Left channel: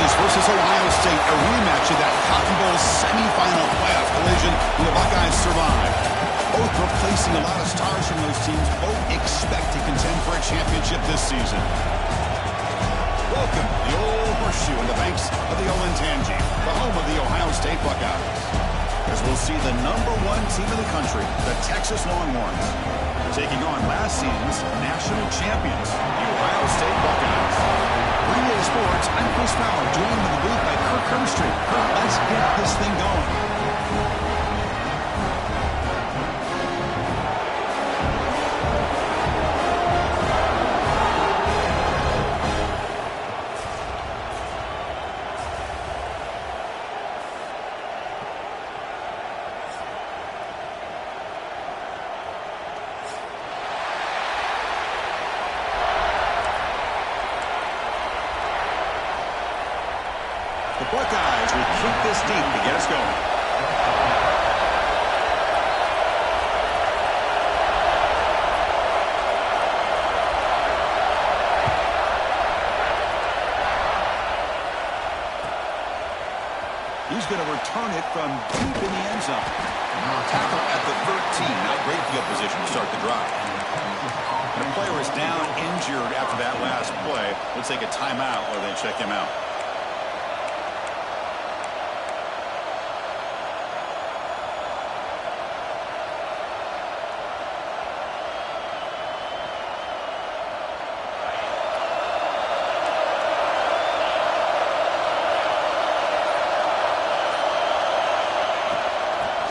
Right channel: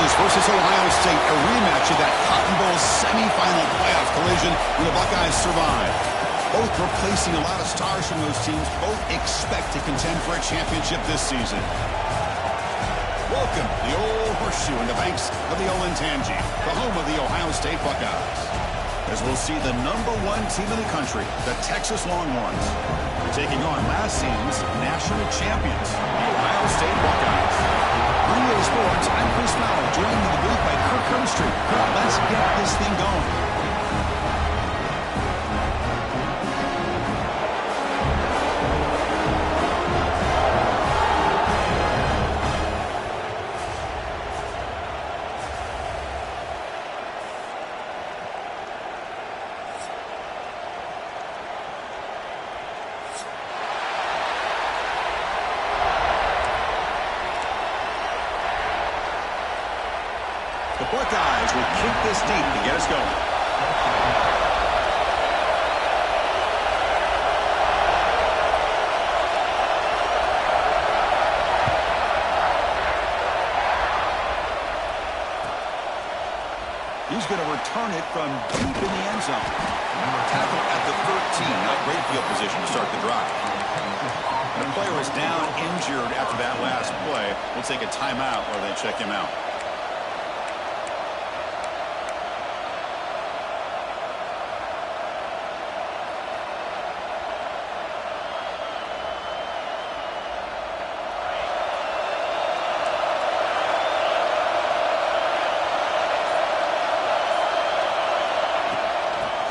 Texas versus Ohio State, a rematch of that Cotton Bowl semifinal playoff collision when the Buckeyes survived. Both replacing a lot of stars from those teams. Both expect to contend for a championship this season. Welcome to the Old Horseshoe on the banks of the Olentangy, the home of the Ohio State Buckeyes. As we'll see the #1 team in the country, the Texas Longhorns, taking on last season's national champions, the Ohio State Buckeyes. For EA Sports, I'm Chris Fowler, joined in the booth by Kirk Hermstreet. Kirk, let's get this thing going. The Buckeyes will kick this deep to get us going. He's going to return it from deep in the end zone. Tackle at the 13. Not great field position to start the drive. And a player is down injured after that last play. We'll take a timeout while they check him out.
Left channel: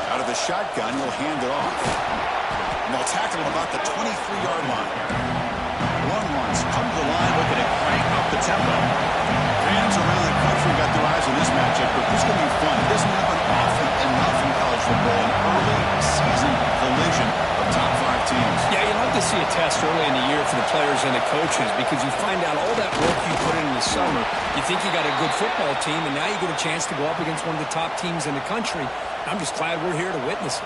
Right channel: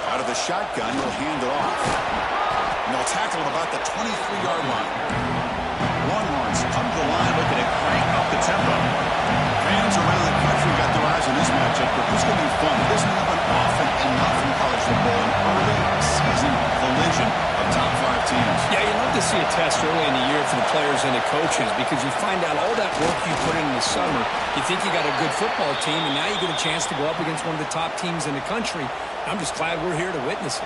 Out of the shotgun, he'll hand it off. And they'll tackle him about the 23-yard line. Longhorns come to the line looking to crank up the tempo. Fans around the country got their eyes on this matchup, but this is going to be fun. It doesn't happen often enough in college football, an early season collision of top 5 teams. Yeah, you love to see a test early in the year for the players and the coaches because you find out all that work you put in the summer. You think you got a good football team, and now you get a chance to go up against one of the top teams in the country. I'm just glad we're here to witness it.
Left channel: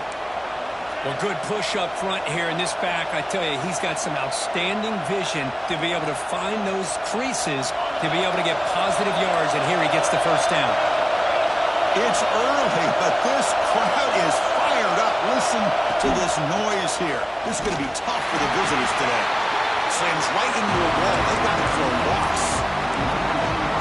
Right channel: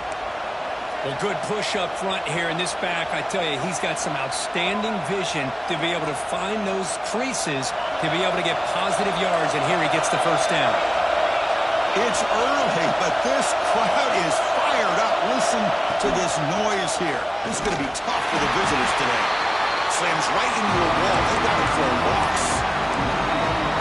Well, good push up front here in this back. I tell you, he's got some outstanding vision to be able to find those creases, to be able to get positive yards, and here he gets the first down. It's early, but this crowd is fired up. Listen to this noise here. This is going to be tough for the visitors today. Slams right into a wall. They've got him for a loss.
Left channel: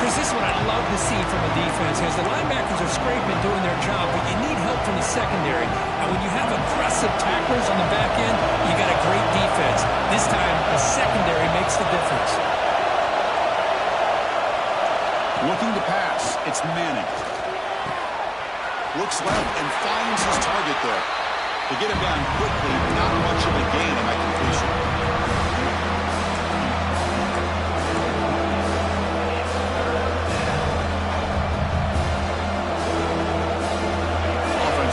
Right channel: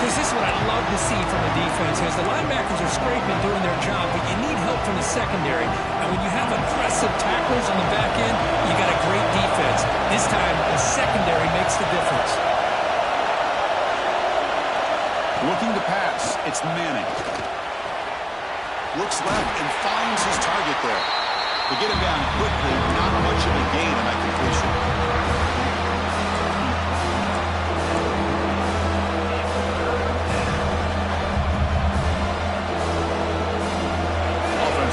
Because this is what I love to see from a defense, as the linebackers are scraping, doing their job, but you need help from the secondary. And when you have aggressive tacklers on the back end, you got a great defense. This time, the secondary makes the difference. Looking to pass. It's Manning. Looks left and finds his target there. To get him down quickly, not much of a gain on that completion.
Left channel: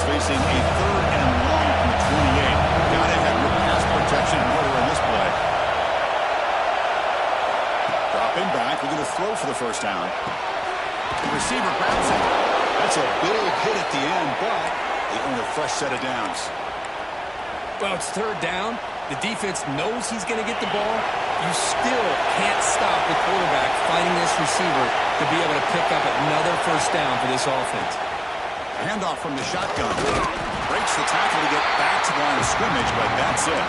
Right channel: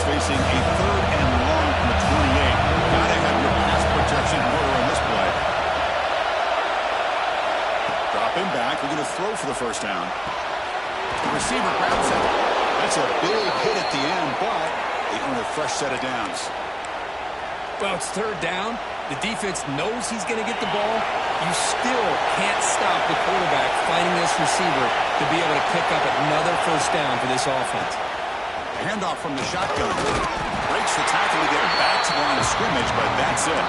Facing a 3rd and long from the 28. Gotta have your pass protection in order in this play. Dropping back. We're going to throw for the first down. The receiver grabs it. That's a big hit at the end, but they earn a fresh set of downs. Well, it's 3rd down. The defense knows he's going to get the ball. You still can't stop the quarterback fighting this receiver to be able to pick up another first down for this offense. Handoff from the shotgun. Breaks the tackle to get back to the line of scrimmage, but that's it.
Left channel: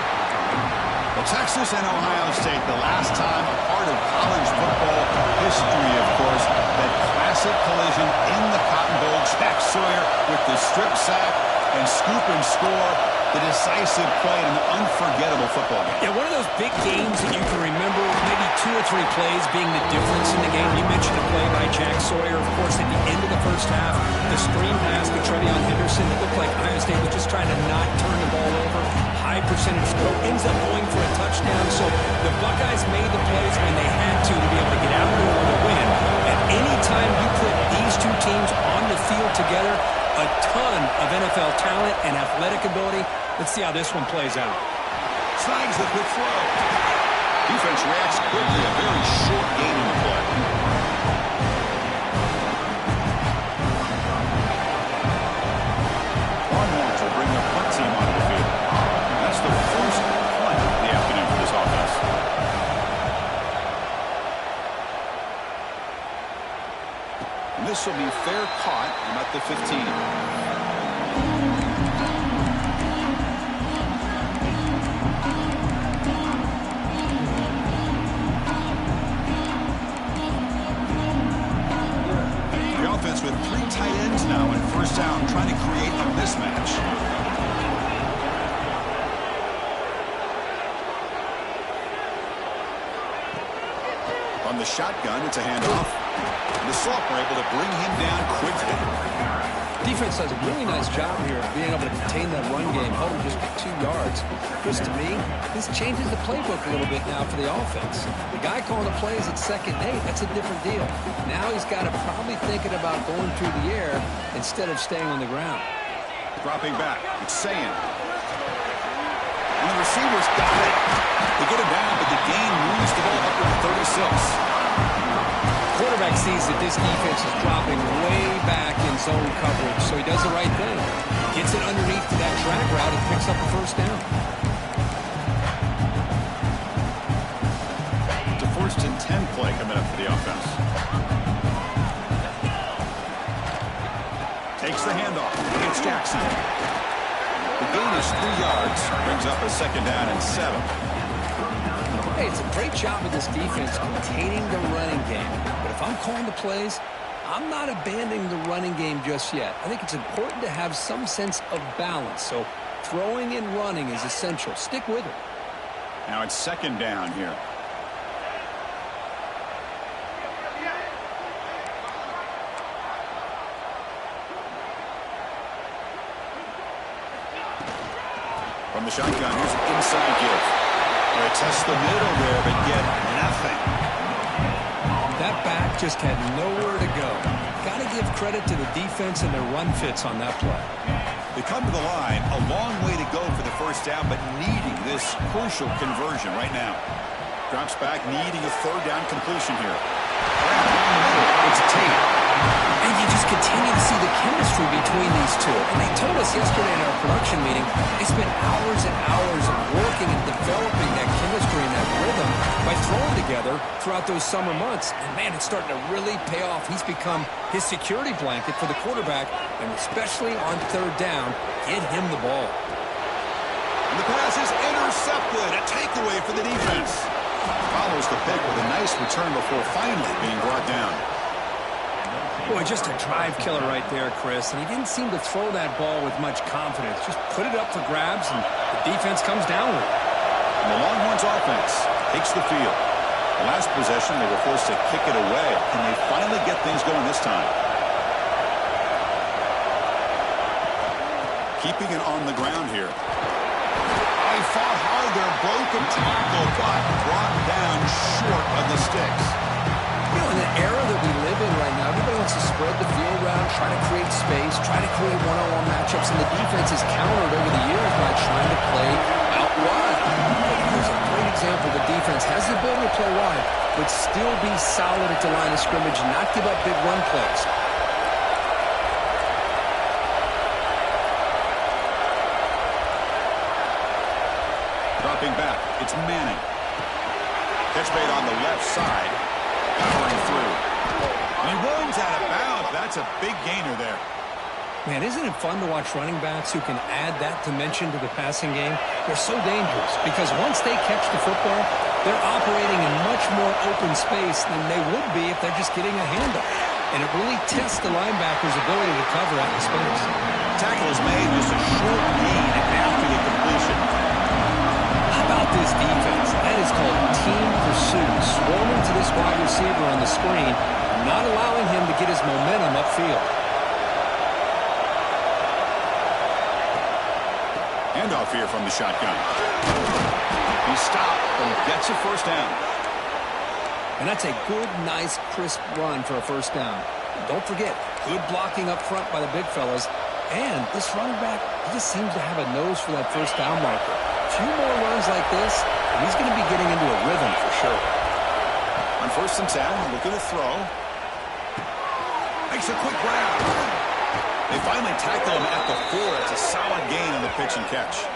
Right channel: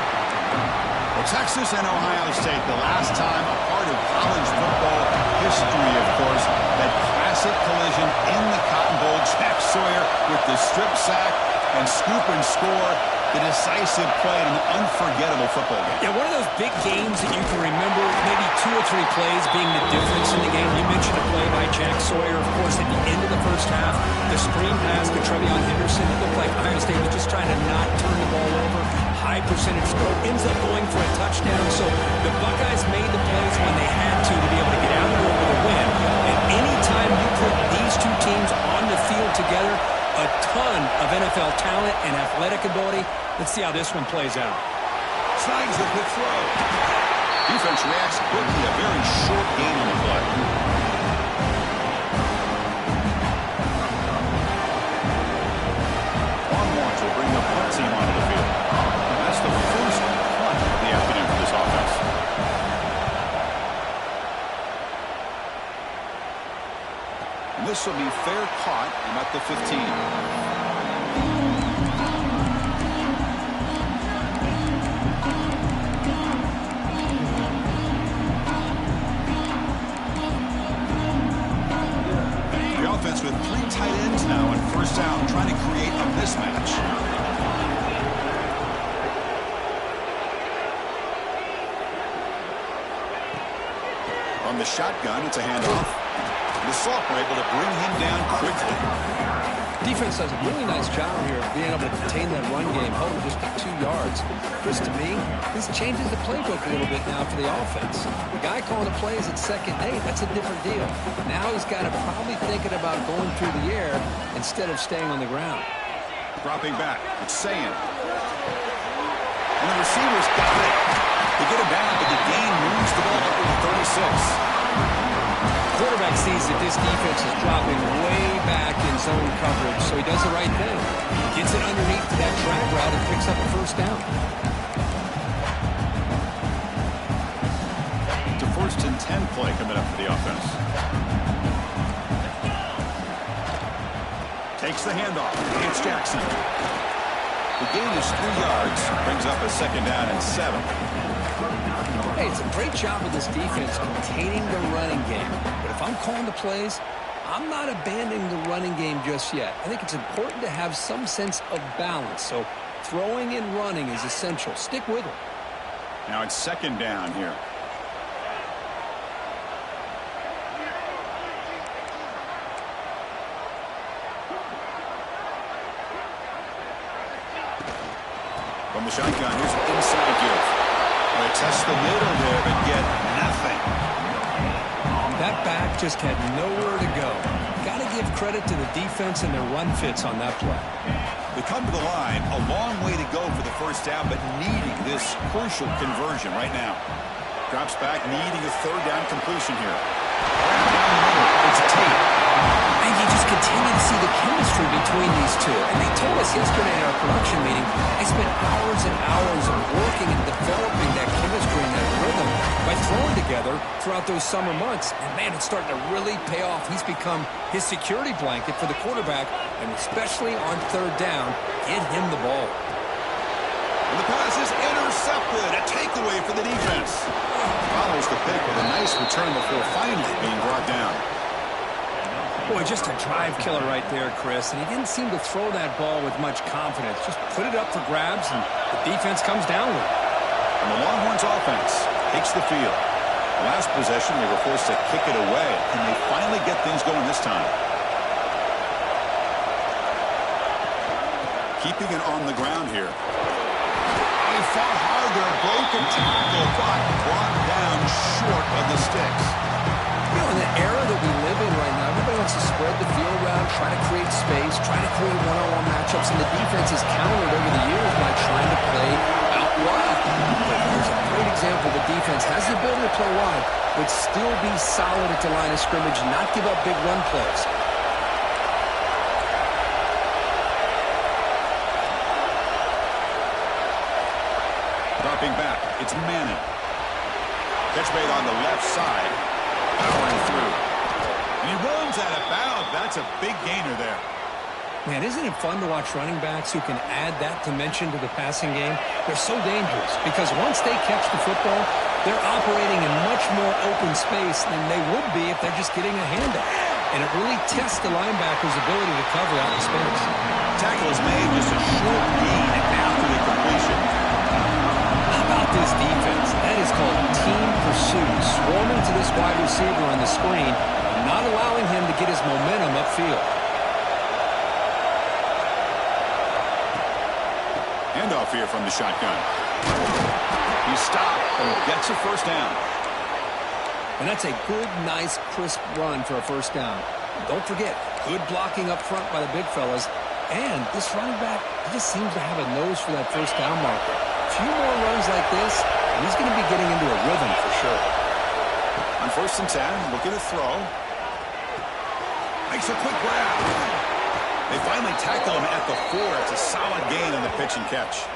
Well, Texas and Ohio State, the last time a part of college football history, of course, that classic collision in the Cotton Bowl. Jack Sawyer with the strip sack and scoop and score. The decisive play in an unforgettable football game. Yeah, one of those big games that you can remember, maybe 2 or 3 plays being the difference in the game. You mentioned a play by Jack Sawyer, of course, at the end of the first half. The screen pass to Trevion Henderson. It looked like Ohio State was just trying to not turn the ball over. High percentage throw. Ends up going for a touchdown. So the Buckeyes made the plays when they had to be able to get out there with a win. And anytime you put these 2 teams on the field together, a ton of NFL talent and athletic ability. Let's see how this one plays out. Snags the quick throw. Defense reacts quickly. A very short gain on the play. Longhorns will bring the punt team onto the field. That's the first punt of the afternoon for this offense. And this will be fair caught about the 15. With 3 tight ends now in first down, trying to create a mismatch. On the shotgun, it's a handoff. The Salk were able to bring him down quickly. Defense does a really nice job here of being able to contain that run game, hold him just to 2 yards. Chris, to me, this changes the playbook a little bit now for the offense. The guy calling the plays at 2nd and 8, that's a different deal. Now he's got to probably thinking about going through the air instead of staying on the ground. Dropping back, it's Sayin. And the receivers got it. They get him down, but the gain moves the ball up to the 36. Quarterback sees that this defense is dropping way back in zone coverage, so he does the right thing. Gets it underneath to that drag route and picks up a first down. It's a 1st and 10 play coming up for the offense. Takes the handoff. It's Jackson. The gain is 3 yards. Brings up a 2nd down and 7. Hey, it's a great job of this defense containing the running game. But if I'm calling the plays, I'm not abandoning the running game just yet. I think it's important to have some sense of balance. So throwing and running is essential. Stick with it. Now it's 2nd down here. From the shotgun, here's an inside give. They test the middle there, but get nothing. That back just had nowhere to go. Got to give credit to the defense and their run fits on that play. They come to the line, a long way to go for the first down, but needing this crucial conversion right now. Drops back, needing a 3rd down completion here. Down the middle, it's Tate. And you just continue to see the chemistry between these two. And they told us yesterday in our production meeting, they spent hours and hours of working and developing that chemistry and that rhythm by throwing together throughout those summer months. And, man, it's starting to really pay off. He's become his security blanket for the quarterback, and especially on 3rd down, get him the ball. And the pass is intercepted. A takeaway for the defense. Follows the pick with a nice return before finally being brought down. Boy, just a drive killer right there, Chris. And he didn't seem to throw that ball with much confidence. Just put it up for grabs, and the defense comes down with it. And the Longhorns offense takes the field. The last possession, they were forced to kick it away. Can they finally get things going this time? Keeping it on the ground here. Oh, he fought hard there. Broken tackle, but brought down short of the sticks. You know, in the era that we live in right now, everybody wants to spread the field around, try to create space, try to create one-on-one matchups, and the defense is countered over the years by trying to play out wide. But here's a great example. The defense has the ability to play wide, but still be solid at the line of scrimmage and not give up big run plays. Dropping back, it's Manning. Catch made on the left side. Powering through. And he runs out of bounds. That's a big gainer there. Man, isn't it fun to watch running backs who can add that dimension to the passing game? They're so dangerous because once they catch the football, they're operating in much more open space than they would be if they're just getting a handoff. And it really tests the linebacker's ability to cover out the space. Tackle is made, just a short gain after the completion. How about this defense? That is called team pursuit. Swarming to this wide receiver on the screen, not allowing him to get his momentum upfield. Handoff here from the shotgun. He stopped and gets a first down. And that's a good, nice, crisp run for a first down. Don't forget, good blocking up front by the big fellas. And this running back, he just seems to have a nose for that first down marker. A few more runs like this, and he's going to be getting into a rhythm for sure. On 1st and 10, looking to throw. Makes a quick grab. They finally tackle him at the 4. It's a solid gain on the pitch and catch.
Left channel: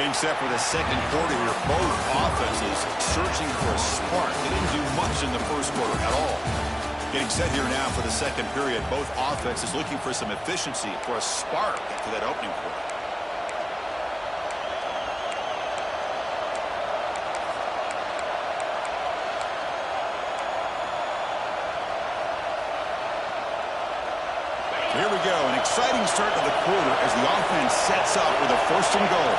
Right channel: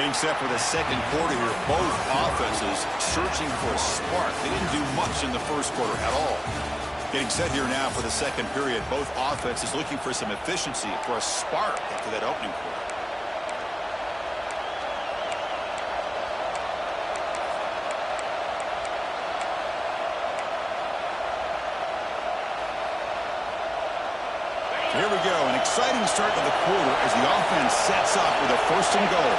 Getting set for the second quarter here. Both offenses searching for a spark. They didn't do much in the first quarter at all. Getting set here now for the second period. Both offenses looking for some efficiency, for a spark after that opening quarter. Here we go. An exciting start to the quarter as the offense sets up with a 1st and goal.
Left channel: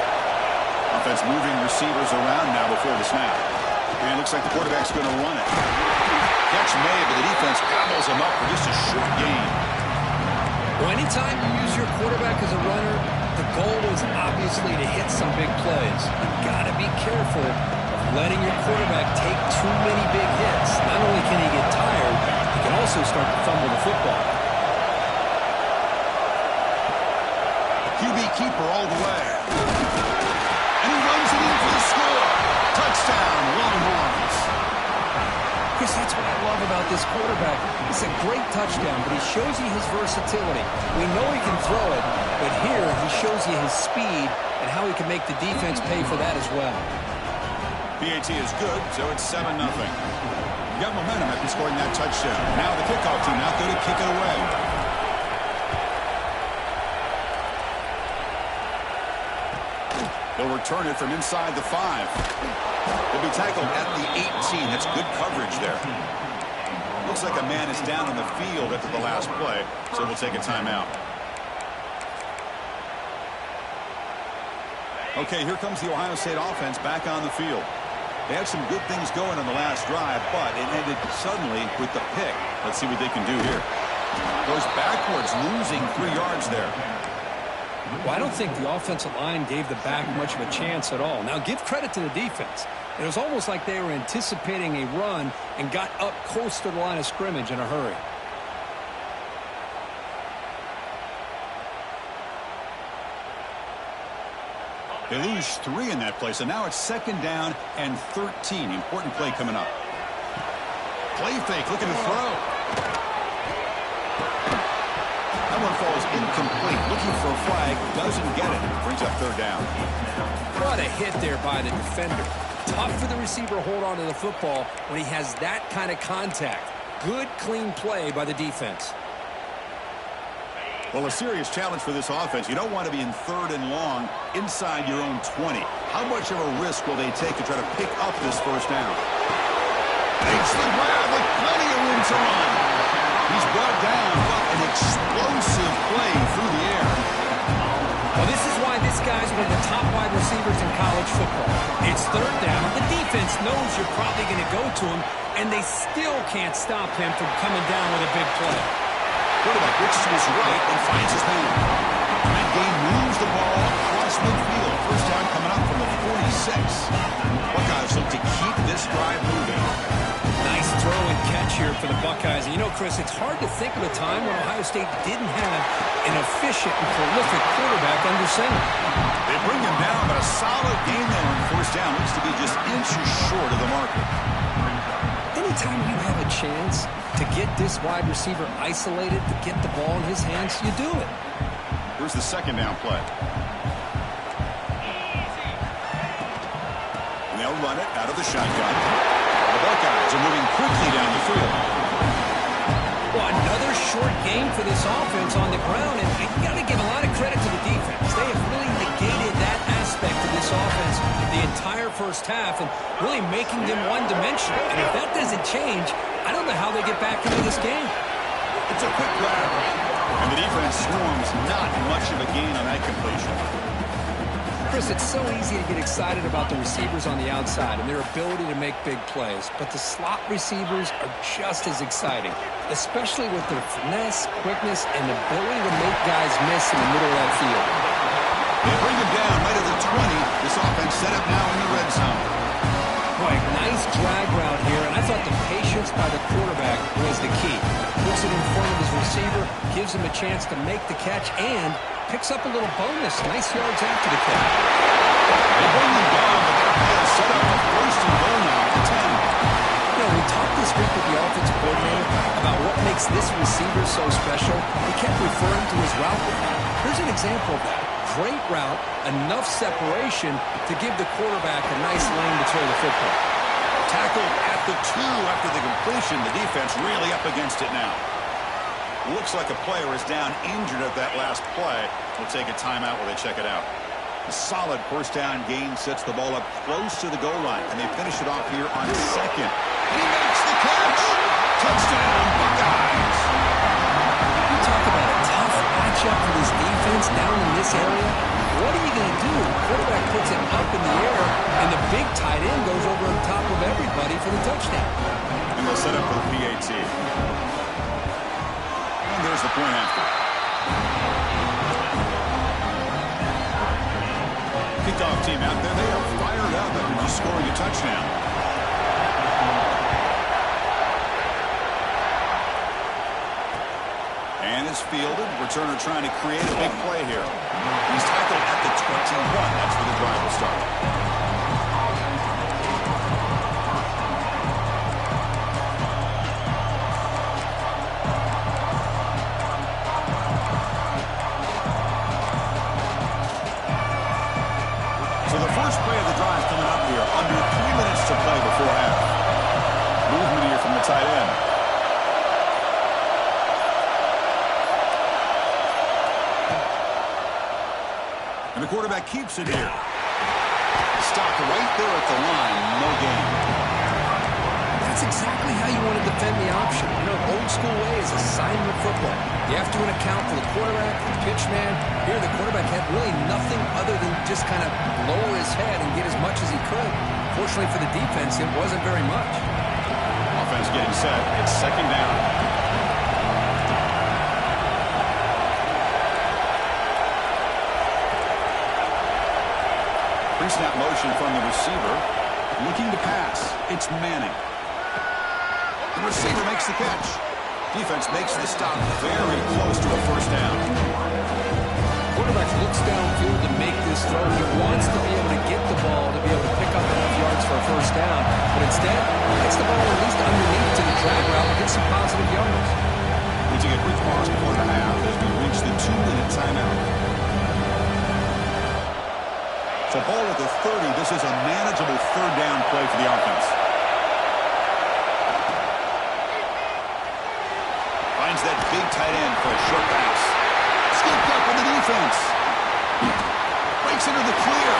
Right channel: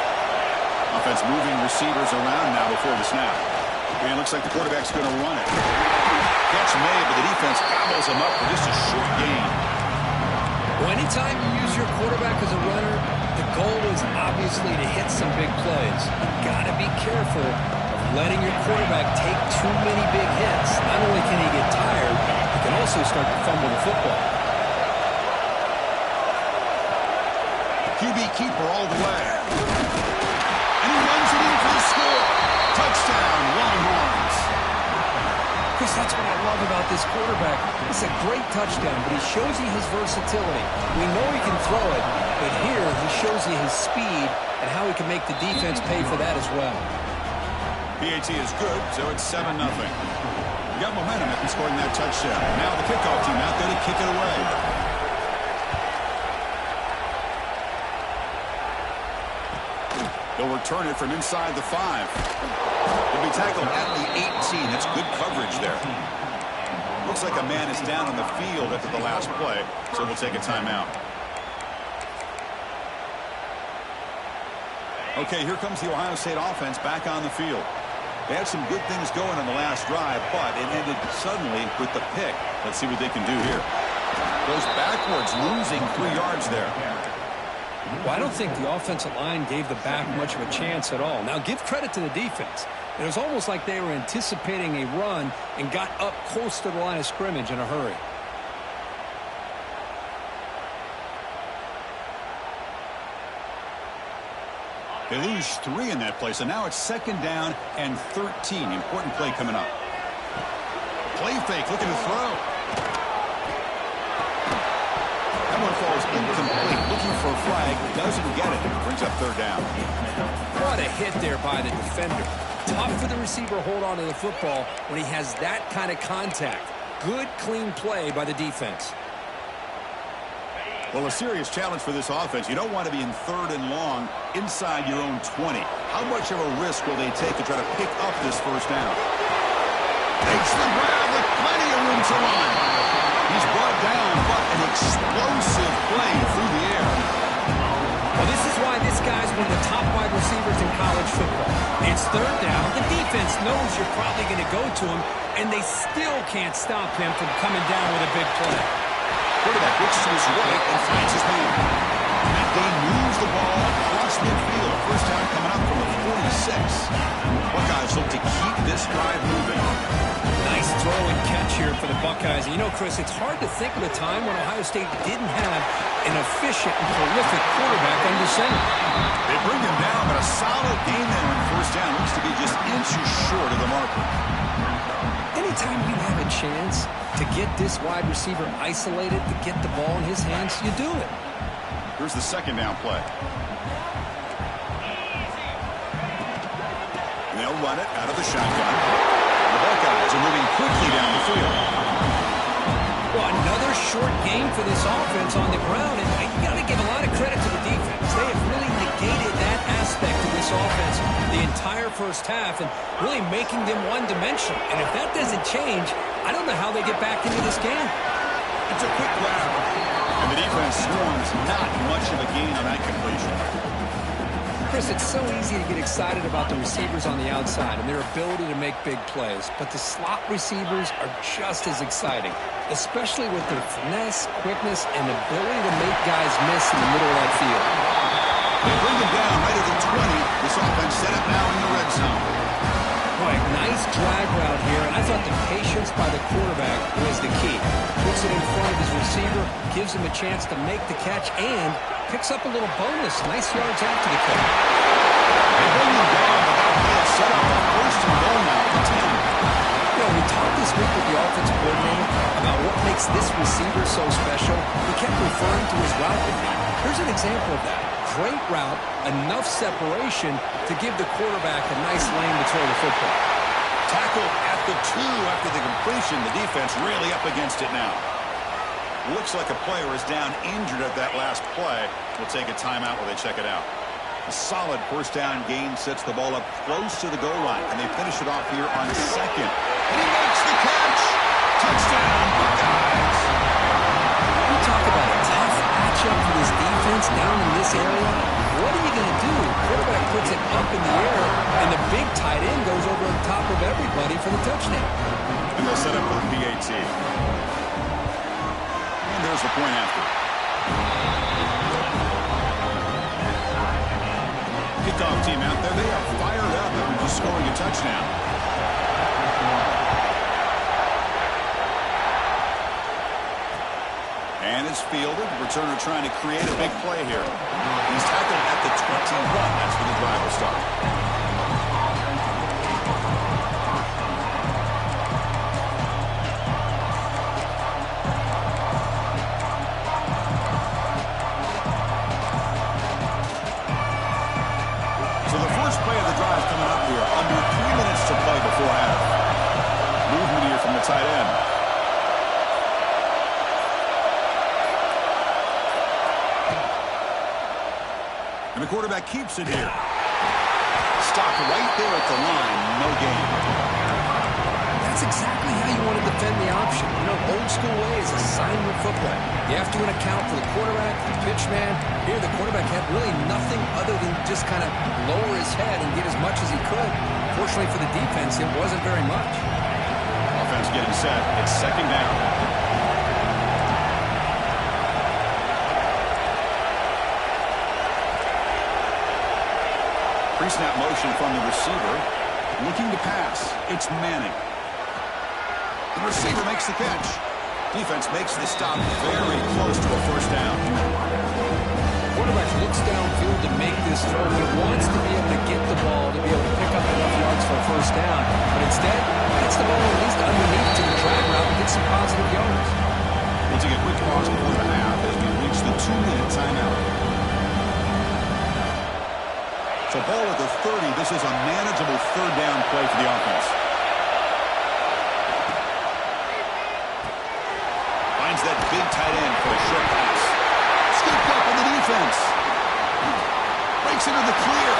Offense moving receivers around now before the snap. And it looks like the quarterback's going to run it. Catch made, but the defense gobbles him up for just a short gain. Well, anytime you use your quarterback as a runner, the goal is obviously to hit some big plays. You've got to be careful of letting your quarterback take too many big hits. Not only can he get tired, he can also start to fumble the football. QB keeper all the way. And he runs it in for the score. Touchdown, Longhorns. Chris, that's what I love about this quarterback. It's a great touchdown, but he shows you his versatility. We know he can throw it, but here he shows you his speed and how he can make the defense pay for that as well. PAT is good, so it's 7-0. You got momentum after scoring that touchdown. Now the kickoff team out there to kick it away. He'll return it from inside the 5. He'll be tackled at the 18. That's good coverage there. Looks like a man is down on the field after the last play, so we'll take a timeout. Okay, here comes the Ohio State offense back on the field. They had some good things going on the last drive, but it ended suddenly with the pick. Let's see what they can do here. Goes backwards, losing 3 yards there. Well, I don't think the offensive line gave the back much of a chance at all. Now, give credit to the defense. It was almost like they were anticipating a run and got up close to the line of scrimmage in a hurry. They lose 3 in that play, so now it's 2nd down and 13. Important play coming up. Play fake, looking to throw. That one falls incomplete. Looking for a flag. Doesn't get it. Brings up 3rd down. What a hit there by the defender. Tough for the receiver to hold on to the football when he has that kind of contact. Good, clean play by the defense. Well, a serious challenge for this offense. You don't want to be in 3rd and long inside your own 20. How much of a risk will they take to try to pick up this 1st down? Makes the grab with plenty of room to run. He's brought down, but an explosive play through the air. Well, this is why this guy's one of the top wide receivers in college football. It's 3rd down. The defense knows you're probably going to go to him, and they still can't stop him from coming down with a big play. Quarterback looks to his right and finds his man. And that gain moves the ball across midfield. 1st down coming up from the 46. Buckeyes look to keep this drive moving. Nice throw and catch here for the Buckeyes. And you know, Chris, it's hard to think of a time when Ohio State didn't have an efficient and prolific quarterback under center. They bring him down, but a solid gain there on 1st down. Looks to be just inches short of the marker. Anytime you have a chance to get this wide receiver isolated, to get the ball in his hands, you do it. Here's the 2nd down play. And they'll run it out of the shotgun. The Buckeyes are moving quickly down the field. Well, another short game for this offense on the ground, and you got to give a lot of credit to the defense. They have really negated that aspect of this offense the entire 1st half and really making them one-dimensional. And if that doesn't change, I don't know how they get back into this game. It's a quick grab. And the defense swarms not much of a gain on that completion. Chris, it's so easy to get excited about the receivers on the outside and their ability to make big plays, but the slot receivers are just as exciting, especially with their finesse, quickness, and ability to make guys miss in the middle of that field. They bring him down right at the 20. This offense set up now in the red zone. Boy, nice drag route here, and I thought the patience by the quarterback was the key. Puts it in front of his receiver, gives him a chance to make the catch, and picks up a little bonus. Nice yards after the catch. They bring him down, but that play is set up for 1st and goal now at the 10. You know, we talked this week with the offensive coordinator about what makes this receiver so special. He kept referring to his route. Here's an example of that. great route, enough separation to give the quarterback a nice lane to throw the football. Tackled at the 2 after the completion. The defense really up against it now. Looks like a player is down injured at that last play. We'll take a timeout while they check it out. A solid first down gain sets the ball up close to the goal line, and they finish it off here on second. And he makes the catch. Touchdown, Buckeyes. You talk about a tough matchup for this defense down in this area. What are you going to do? Quarterback puts it up in the air, and the big tight end goes over the top of everybody for the touchdown. And they'll set up for the PAT. And there's the point after. Kickoff team out there. They are fired up after just scoring a touchdown. And it's fielded. Returner trying to create a big play here. He's tackled at the 21. That's where the drive will start. So the first play of the drive coming up here. Under 3 minutes to play before half. Movement here from the tight end. And the quarterback keeps it here. Stopped right there at the line. No gain. That's exactly how you want to defend the option. You know, old school way is assignment football. You have to account for the quarterback, the pitch man. Here, the quarterback had really nothing other than just kind of lower his head and get as much as he could. Fortunately for the defense, it wasn't very much. Offense getting set. It's second down. Pre-snap motion from the receiver. Looking to pass. It's Manning. The receiver makes the catch. Defense makes the stop very close to a first down. Quarterback looks downfield to make this throw. He wants to be able to get the ball to be able to pick up enough yards for a first down. But instead, gets the ball at least underneath to the drag route and get some positive yards. We'll take a quick pause before the half as we reach the 2-minute timeout. So ball at the 30. This is a manageable third down play for the offense. Finds that big tight end for a short pass. Scooped up in the defense. Breaks into the clear.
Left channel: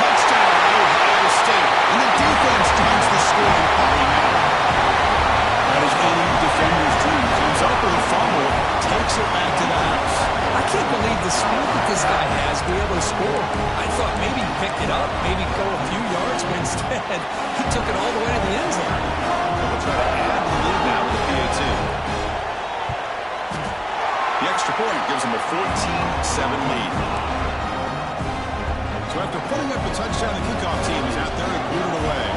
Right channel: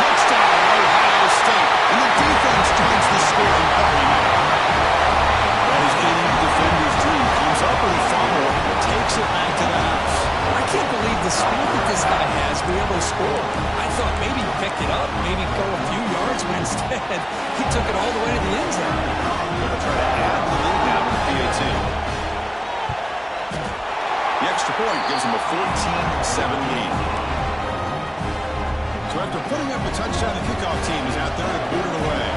Touchdown, Ohio State. And the defense joins the scoring party now. That is any defender's dream. Comes up with a fumble, takes it back to the house. I can't believe the speed that this guy has to be able to score. I thought maybe he picked it up, maybe go a few yards, but instead he took it all the way to the end zone. They'll try to add the lead now with the PAT. The extra point gives them a 14-7 lead. So after putting up a touchdown, the kickoff team is out there to boot it away.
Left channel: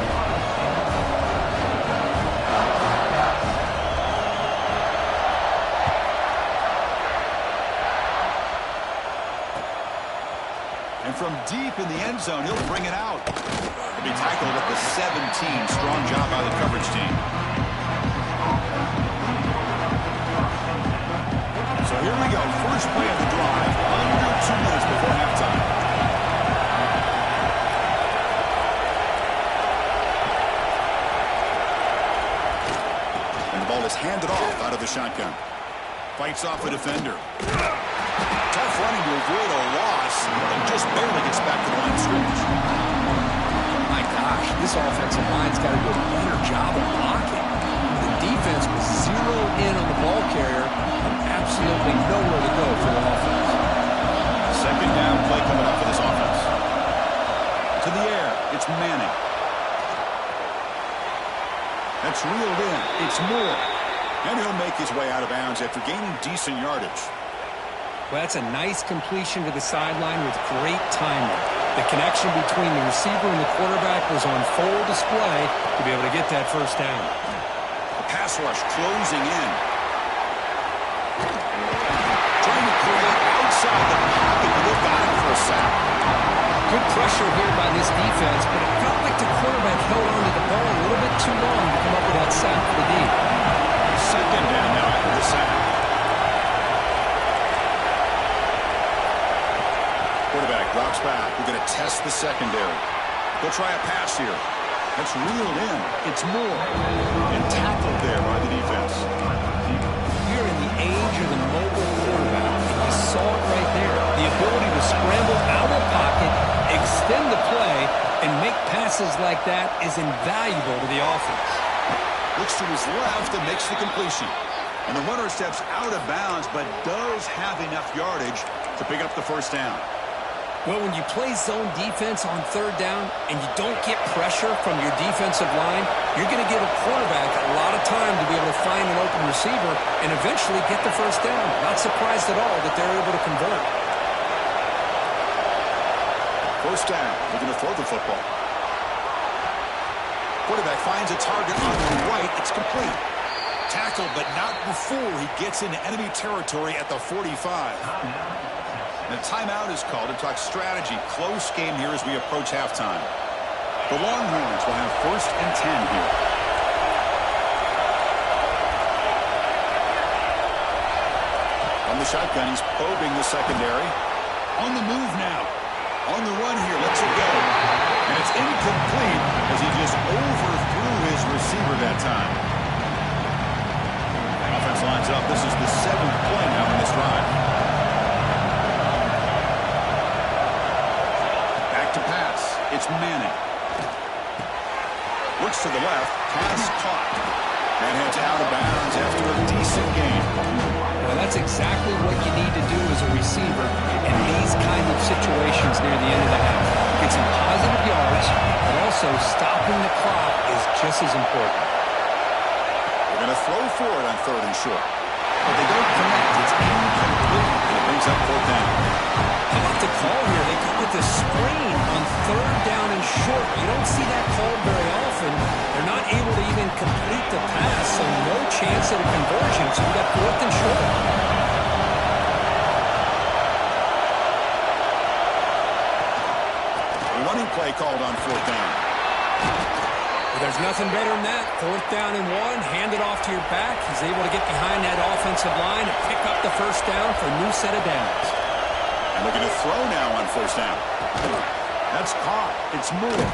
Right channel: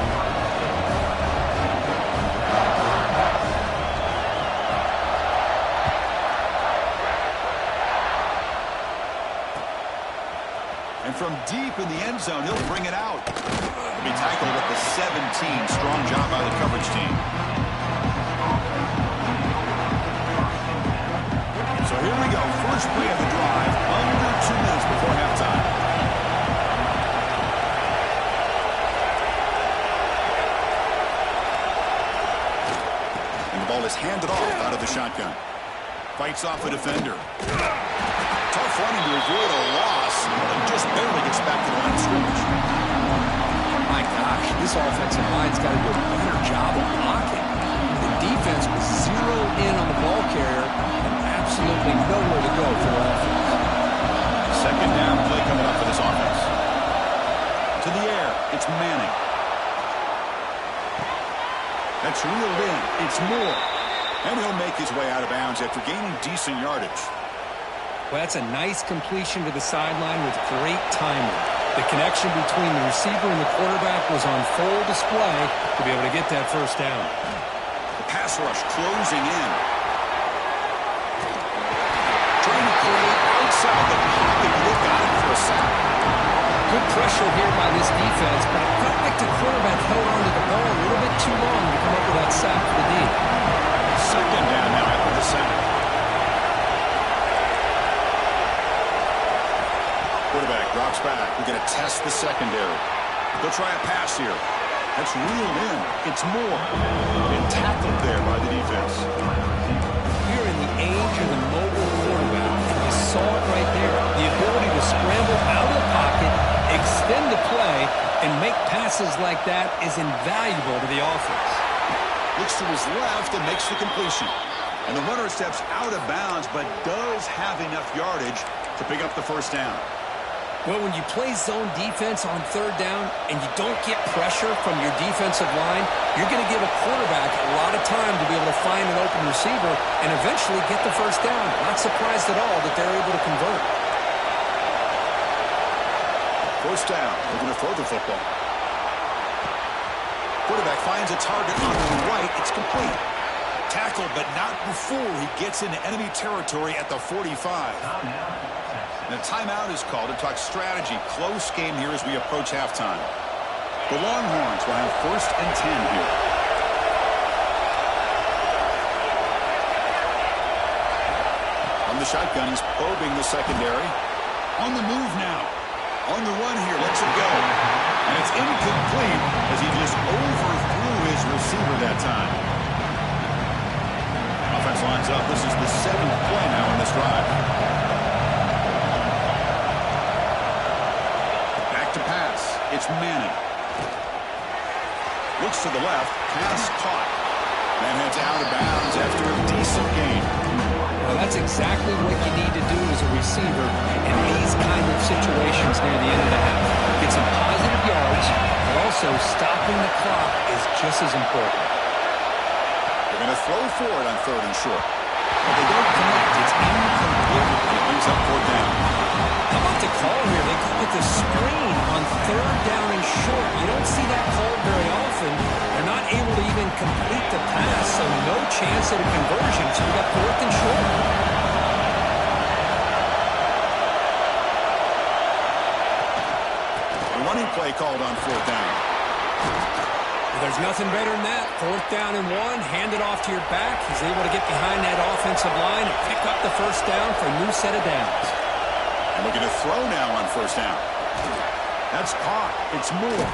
And from deep in the end zone, he'll bring it out. He'll be tackled at the 17. Strong job by the coverage team. So here we go. First play of the drive. Under 2 minutes before halftime. And the ball is handed off out of the shotgun. Fights off a defender. Tough running to avoid a loss, and just barely gets back to the line of scrimmage. My gosh, this offensive line's got to do a better job of blocking. The defense was zeroed in on the ball carrier and absolutely nowhere to go for the offense. Second down play coming up for this offense. To the air, it's Manning. That's reeled in. It's Moore. And he'll make his way out of bounds after gaining decent yardage. Well, that's a nice completion to the sideline with great timing. The connection between the receiver and the quarterback was on full display to be able to get that first down. The pass rush closing in. Trying to create outside the pocket, but they've got it for a sack. Good pressure here by this defense, but it felt like the quarterback held on to the ball a little bit too long to come up with that sack for the D. Second down now after the sack. Drops back. We're going to test the secondary. They'll try a pass here. That's reeled in. It's Moore. And tackled there by the defense. You're in the age of the mobile quarterback, and you saw it right there. The ability to scramble out of the pocket, extend the play, and make passes like that is invaluable to the offense. Looks to his left and makes the completion. And the runner steps out of bounds, but does have enough yardage to pick up the first down. Well, when you play zone defense on third down and you don't get pressure from your defensive line, you're going to give a quarterback a lot of time to be able to find an open receiver and eventually get the first down. Not surprised at all that they're able to convert. First down. They're going to throw the football. Quarterback finds a target on the right. It's complete. Tackled, but not before he gets into enemy territory at the 45. And a timeout is called to talk strategy. Close game here as we approach halftime. The Longhorns will have 1st and 10 here. On the shotgun, he's probing the secondary. On the move now. On the run here, lets it go. And it's incomplete as he just overthrew his receiver that time. Offense lines up. This is the 7th play now in this drive. Back to pass. It's Manning. Looks to the left. Pass caught. Man heads out of bounds after a decent gain. Well, that's exactly what you need to do as a receiver in these kind of situations near the end of the half. Get some positive yards, but also stopping the clock is just as important. They're going to throw for it on 3rd and short. But they don't connect. It's incomplete, and it brings up 4th down. How about the call here? They call it the screen on 3rd down and short. You don't see that called very often. They're not able to even complete the pass, so no chance at a conversion. So you got 4th and short. A running play called on 4th down. Well, there's nothing better than that. 4th down and 1, hand it off to your back. He's able to get behind that offensive line and pick up the first down for a new set of downs. And looking to throw now on 1st down. That's caught. It's Moore.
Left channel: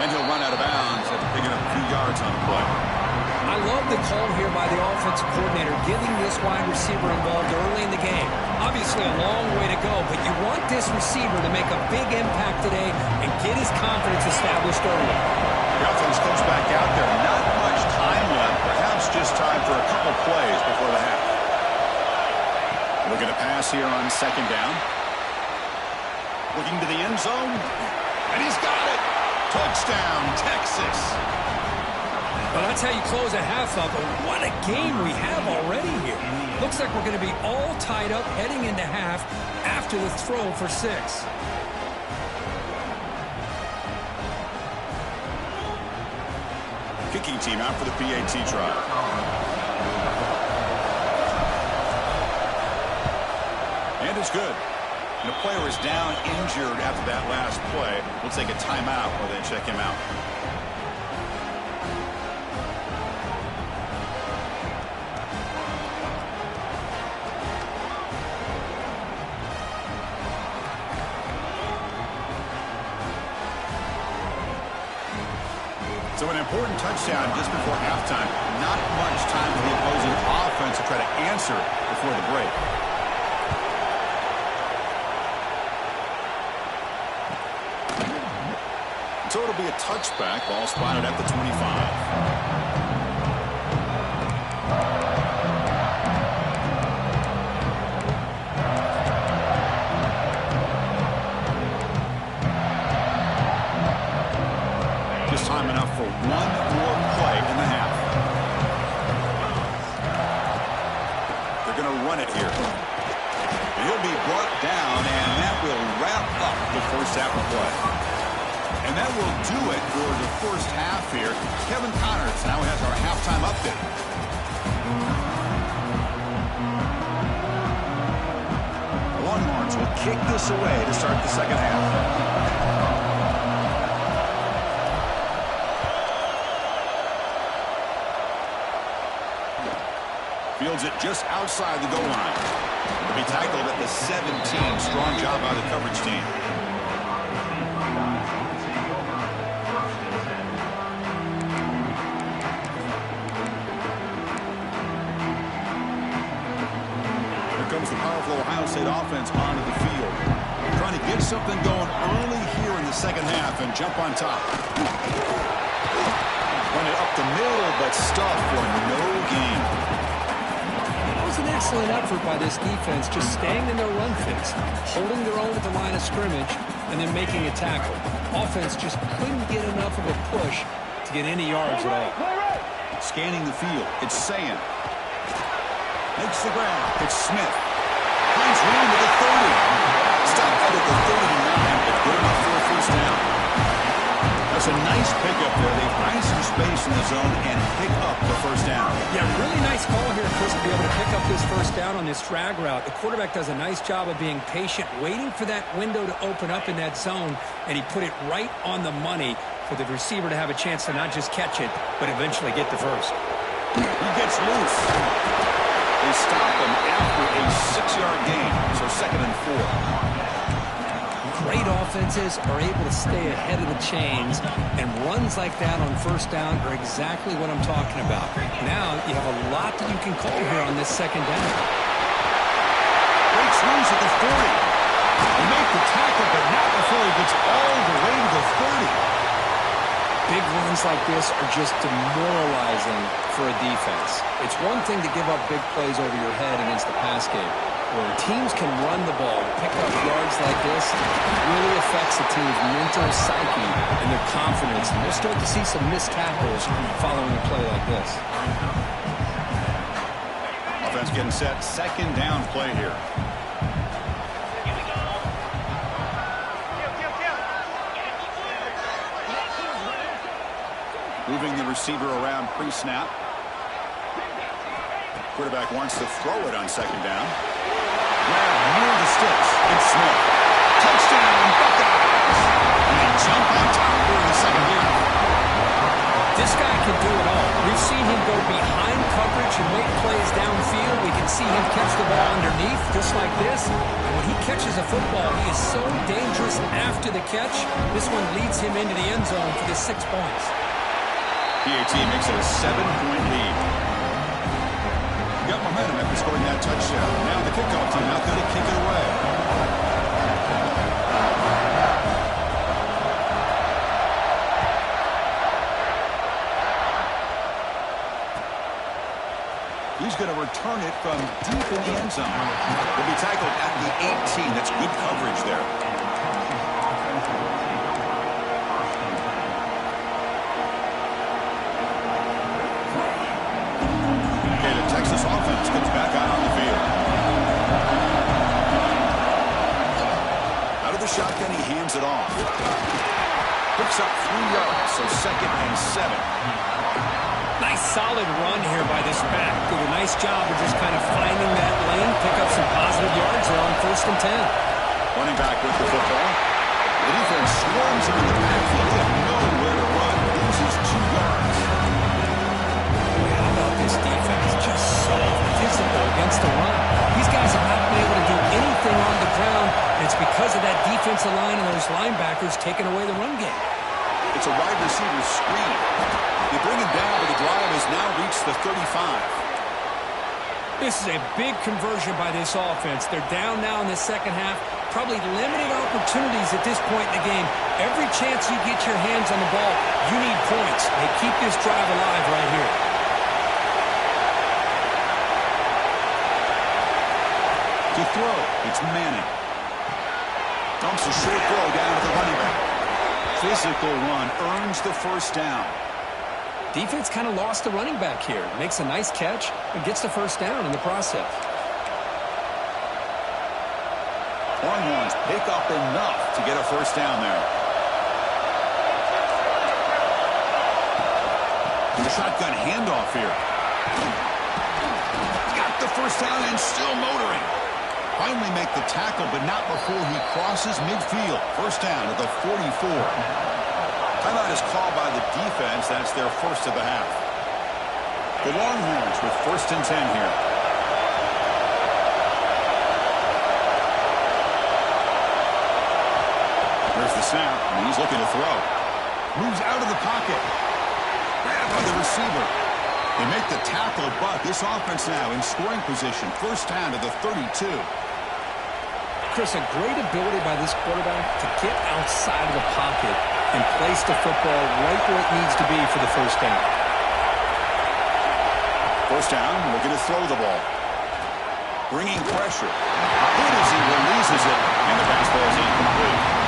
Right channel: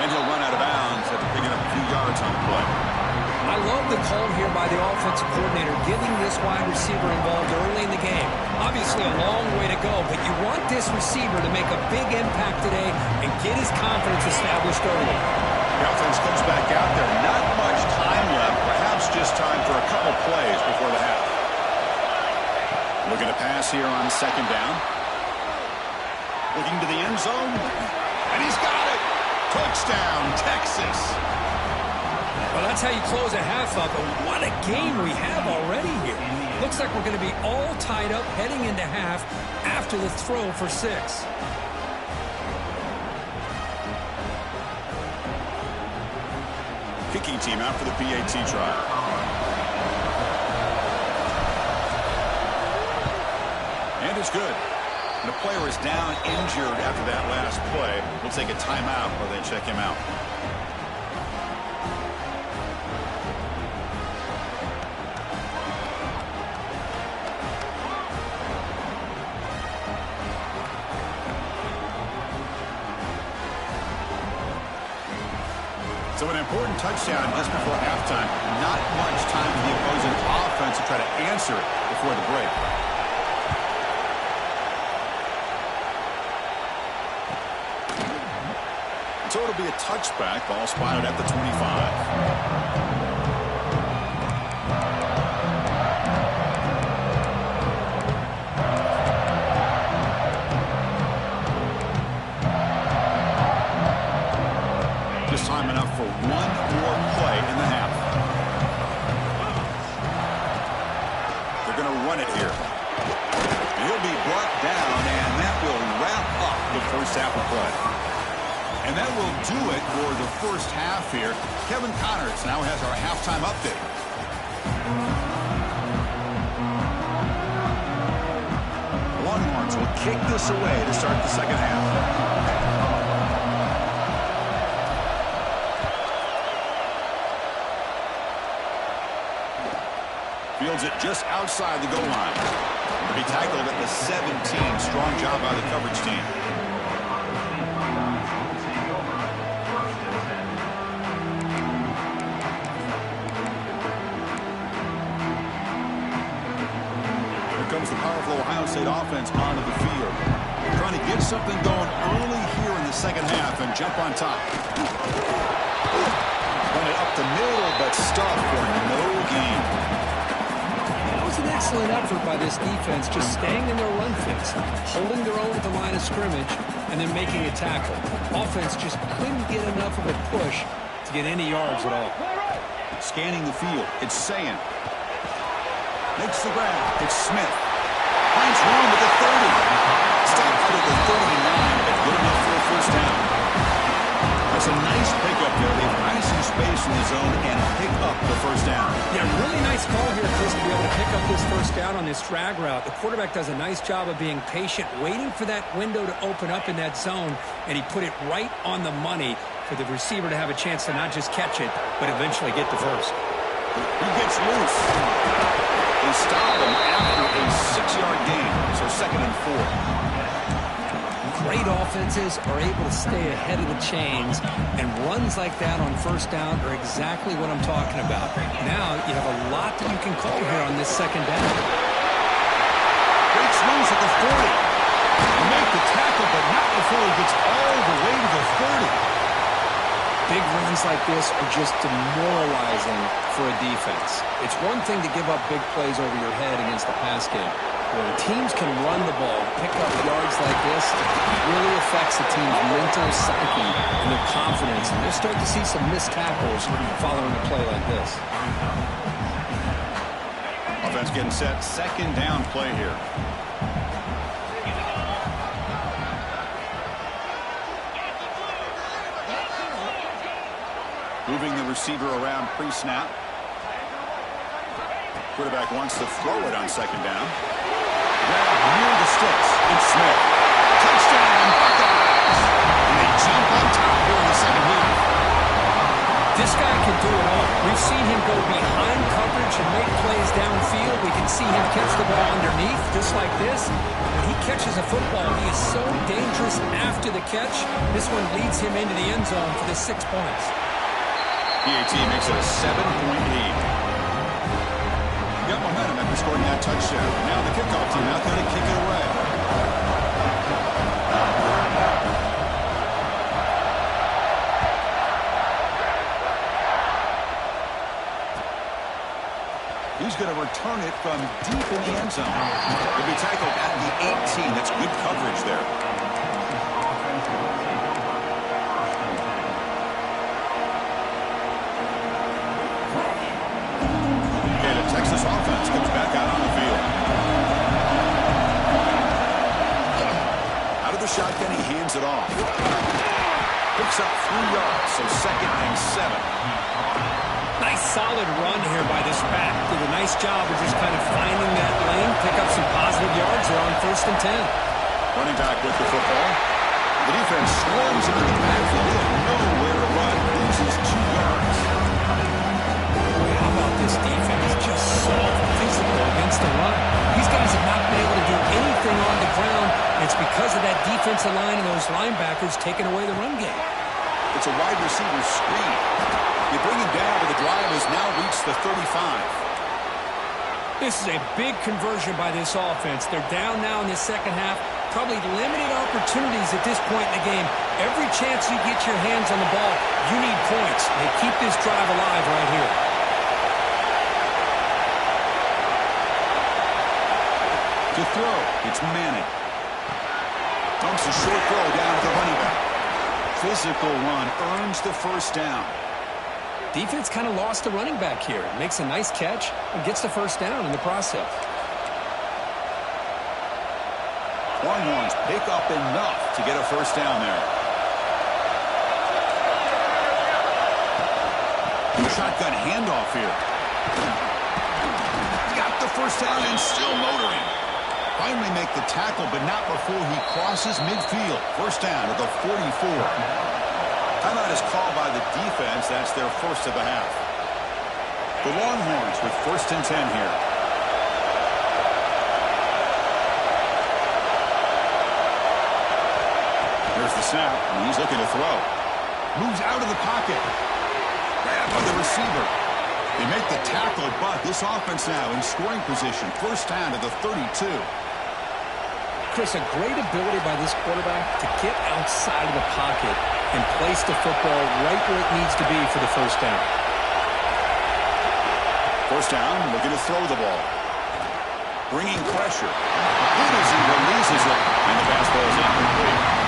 And he'll run out of bounds after picking up a few yards on the play. I love the call here by the offensive coordinator, getting this wide receiver involved early in the game. Obviously a long way to go, but you want this receiver to make a big impact today and get his confidence established early. The offense comes back out there. Not much time left. Perhaps just time for a couple plays before the half. Looking to pass here on 2nd down. Looking to the end zone. And he's got it. Touchdown, Texas. Well, that's how you close a half up. But what a game we have already here. Looks like we're going to be all tied up heading into half after the throw for 6. Kicking team out for the PAT trial. And it's good. And a player is down injured after that last play. We'll take a timeout while they check him out. So an important touchdown just before halftime. Not much time for the opposing offense to try to answer before the break. So it'll be a touchback. Ball spotted at the 25. Just time enough for one more play in the half. They're going to run it here. And he'll be brought down, and that will wrap up the first half of play. And that will do it for the first half here. Kevin Connors now has our halftime update. The Longhorns will kick this away to start the second half. Fields it just outside the goal line. To be tackled at the 17. Strong job by the coverage team. Here comes the powerful Ohio State offense onto the field. Trying to get something going early here in the second half and jump on top. Run it up the middle, but stuffed for no gain. It was an excellent effort by this defense, just staying in their run fix, holding their own at the line of scrimmage, and then making a tackle. Offense just couldn't get enough of a push to get any yards at all. Scanning the field, it's Sayin. Makes the grab, it's Smith. Finds room with the 30. Stop out at the 39, but good enough for a first down. That's a nice pickup there. They find some space in the zone and pick up the first down. Yeah, really nice call here, Chris, to be able to pick up this first down on this drag route. The quarterback does a nice job of being patient, waiting for that window to open up in that zone, and he put it right on the money for the receiver to have a chance to not just catch it, but eventually get the first. He gets loose. They stop him after a 6-yard gain, so 2nd and 4. Great offenses are able to stay ahead of the chains, and runs like that on first down are exactly what I'm talking about. Now you have a lot that you can call here on this second down. Breaks loose at the 40. He'll make the tackle, but not before he gets all the way to the 30. Big runs like this are just demoralizing for a defense. It's one thing to give up big plays over your head against the pass game. When teams can run the ball, pick up yards like this, it really affects the team's mental psyche and their confidence. And they'll start to see some missed tackles following a play like this. Offense getting set. 2nd down play here. Moving the receiver around pre-snap. Quarterback wants to throw it on 2nd down. Grab near the sticks. It's Smith. Touchdown, Buckeyes! And they jump on top here in the second half. This guy can do it all. We've seen him go behind coverage and make plays downfield. We can see him catch the ball underneath, just like this. And when he catches a football, he is so dangerous after the catch. This one leads him into the end zone for the 6 points. PAT makes it a 7-point lead. Got momentum after scoring that touchdown. Now the kickoff team out there to kick it away. He's going to return it from deep in the end zone. He'll be tackled at the 18. That's good coverage there. Texas offense comes back out on the field. Out of the shotgun, he hands it off. Picks up 3 yards, so 2nd and 7. Nice solid run here by this back. Did a nice job of just kind of finding that lane, pick up some positive yards there on 1st and 10. Running back with the football. The defense swarms him in the backfield. They have nowhere to run. Loses 2 yards. How about this defense? Just so physical against the run. These guys have not been able to do anything on the ground, and it's because of that defensive line and those linebackers taking away the run game. It's a wide receiver screen. You bring him down, but the drive has now reached the 35. This is a big conversion by this offense. They're down now in the second half. Probably limited opportunities at this point in the game. Every chance you get your hands on the ball, you need points. They keep this drive alive right here. To throw, it's Manning. Dumps a short throw down to the running back. Physical run earns the first down. Defense kind of lost the running back here. Makes a nice catch and gets the first down in the process. Longhorns pick up enough to get a first down there. The shotgun handoff here. Got the first down and still motoring. Finally make the tackle, but not before he crosses midfield. First down at the 44. Timeout is called by the defense. That's their first of the half. The Longhorns with 1st and 10 here. snap, and he's looking to throw. Moves out of the pocket. Grab by the receiver. They make the tackle, but this offense now in scoring position. First down to the 32. Chris, a great ability by this quarterback to get outside of the pocket and place the football right where it needs to be for the first down. First down, looking to throw the ball. Bringing pressure. Good as he releases it, and the pass ball is incomplete.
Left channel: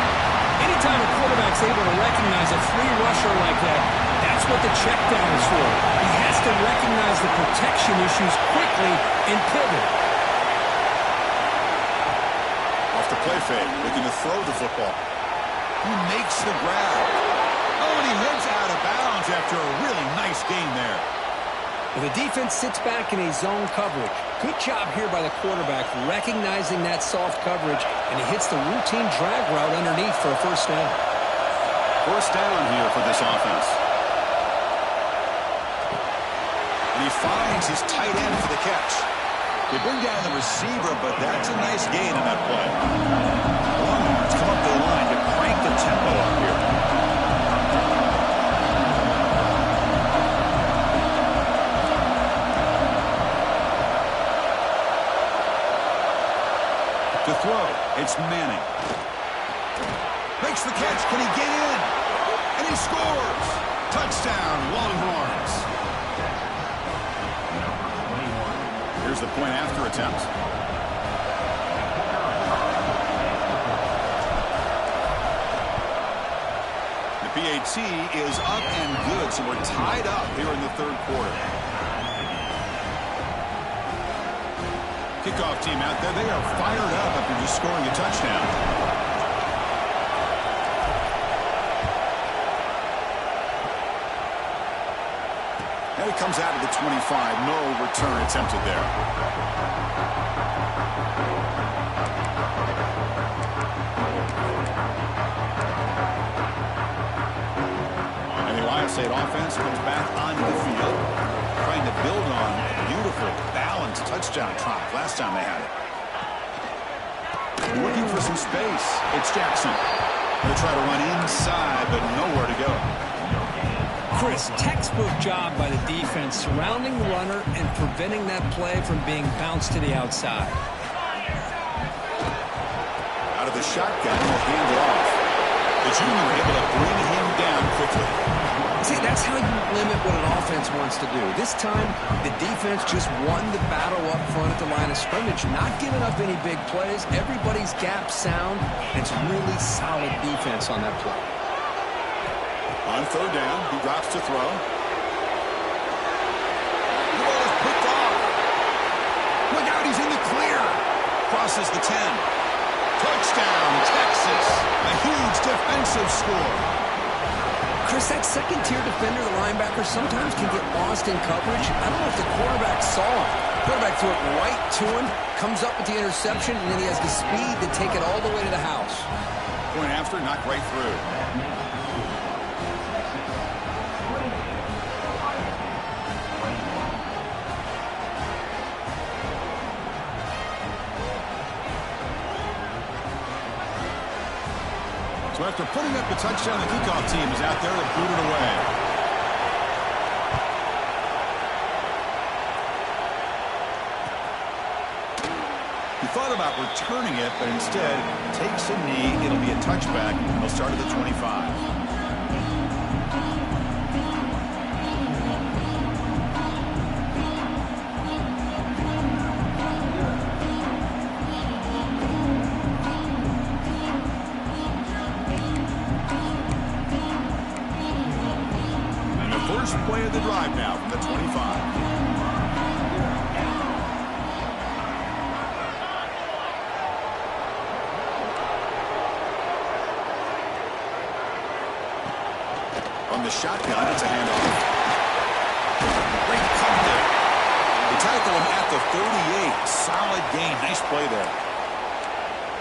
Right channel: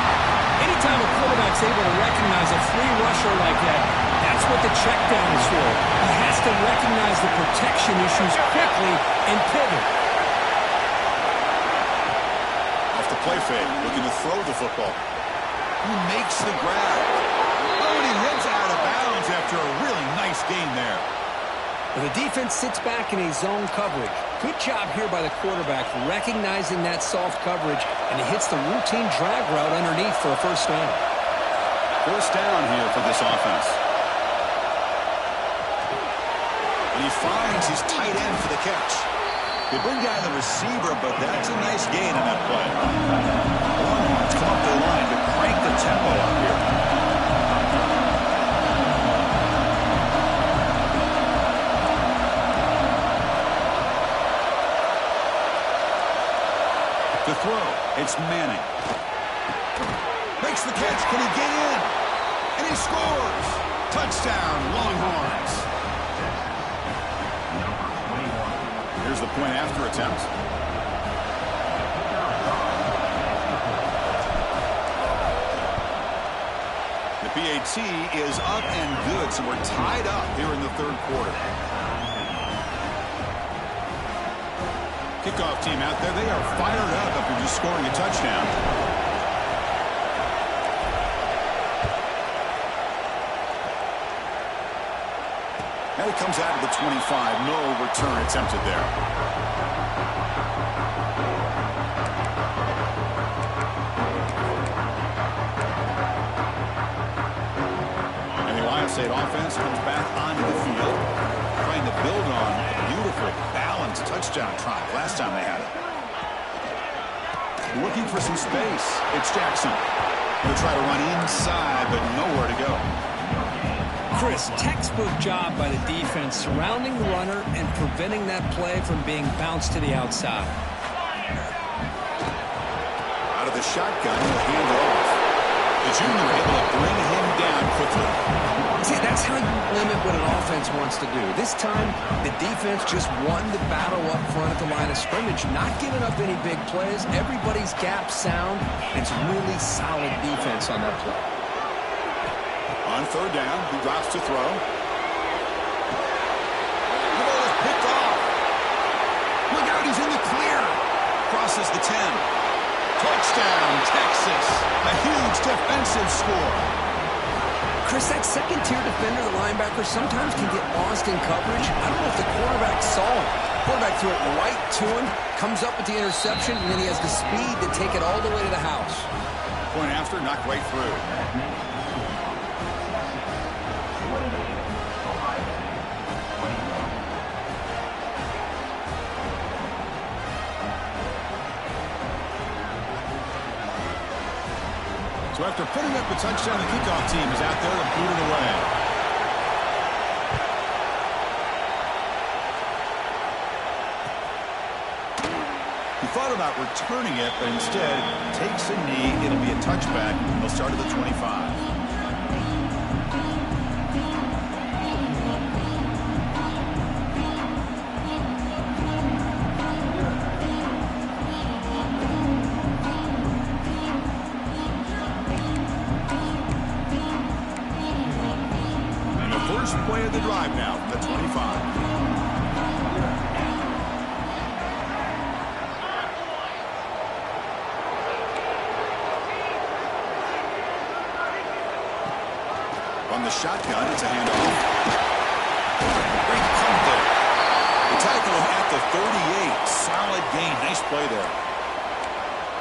Anytime a quarterback's able to recognize a free rusher like that, that's what the check down is for. He has to recognize the protection issues quickly and pivot. Off the play fake, looking to throw the football. He makes the grab. Oh, and he heads out of bounds after a really nice gain there. Well, the defense sits back in a zone coverage. Good job here by the quarterback recognizing that soft coverage, and he hits the routine drag route underneath for a first down. First down here for this offense. And he finds his tight end for the catch. They bring down the receiver, but that's a nice gain on that play. Longhorns come up the line to crank the tempo up here. To throw, it's Manning. Makes the catch. Can he get in? And he scores. Touchdown, Longhorns. Here's the point after attempt. The PAT is up and good, so we're tied up here in the third quarter. Kickoff team out there, they are fired up after just scoring a touchdown. Now he comes out of the 25. No return attempted there. And the Ohio State offense comes back onto the field, trying to build on a beautiful, balanced touchdown drive last time they had it. Looking for some space. It's Jackson. Going to try to run inside, but nowhere to go. Chris, textbook job by the defense surrounding the runner and preventing that play from being bounced to the outside. Out of the shotgun, he'll hand it off. The junior able to bring him down quickly. See, that's how you limit what an offense wants to do. This time, the defense just won the battle up front at the line of scrimmage, not giving up any big plays. Everybody's gap sound. It's really solid defense on that play. On third down, he drops to throw. The ball is picked off. Look out, he's in the clear. Crosses the 10. Touchdown, Texas. A huge defensive score. Chris, that second-tier defender, the linebacker, sometimes can get lost in coverage. I don't know if the quarterback saw him. Quarterback threw it right to him, comes up with the interception, and then he has the speed to take it all the way to the house. Point after, knocked right through. So after putting up the touchdown, the kickoff team is out there to boot it away. He thought about returning it, but instead takes a knee. It'll be a touchback. They'll start at the 25. Play of the drive now from the 25. On the shotgun, it's a handoff. Great punt there. They tackle him at the 38. Solid gain. Nice play there.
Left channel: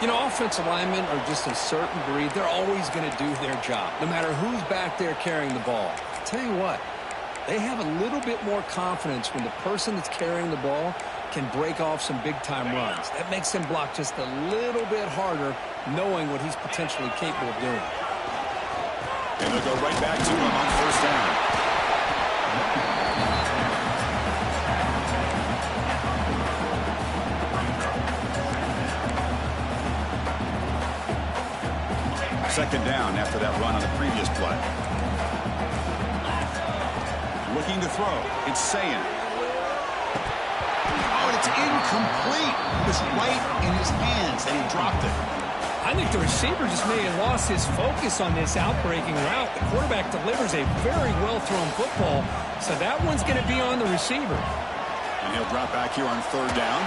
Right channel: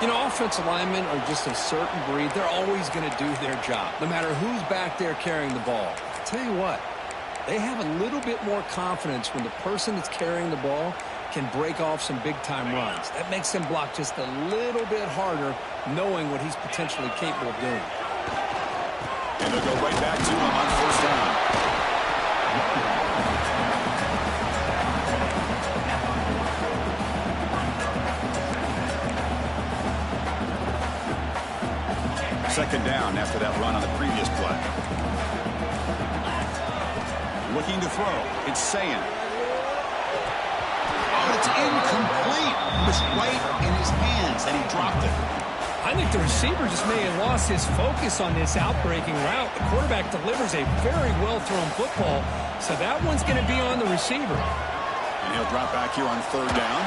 You know, offensive linemen are just a certain breed. They're always going to do their job, no matter who's back there carrying the ball. I'll tell you what. They have a little bit more confidence when the person that's carrying the ball can break off some big-time runs. That makes them block just a little bit harder, knowing what he's potentially capable of doing. And they'll go right back to him on first down. Second down after that run on the previous play. Looking to throw. It's saying. Oh, and it's incomplete. It was right in his hands, and he dropped it. I think the receiver just may have lost his focus on this outbreaking route. The quarterback delivers a very well-thrown football, so that one's going to be on the receiver. And he'll drop back here on third down.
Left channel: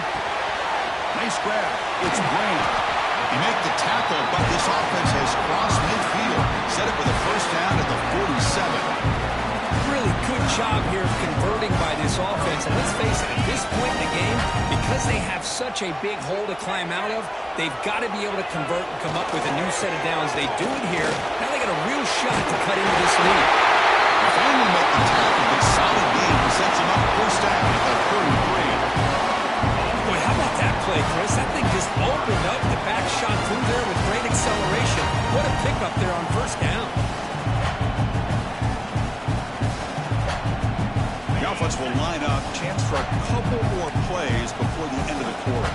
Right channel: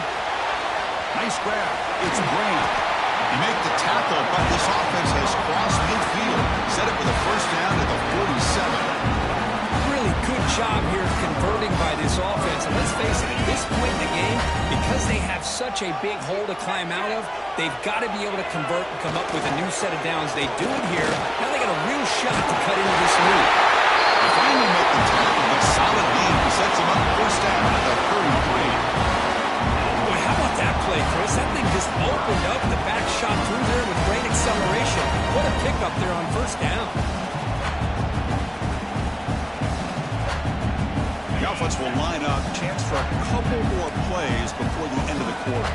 Nice grab. It's Graham. He made the tackle, but this offense has crossed midfield. Set it with a first down at the 47. Really good job here of converting by this offense. And let's face it, at this point in the game, because they have such a big hole to climb out of, they've got to be able to convert and come up with a new set of downs. They do it here. Now they got a real shot to cut into this lead. They finally make the tackle, but solid gain sets them up first down at the 33. Boy, how about that play, Chris? That thing just opened up. The back shot through there with great acceleration. What a pickup there on first down. The offense will line up. Chance for a couple more plays before the end of the quarter.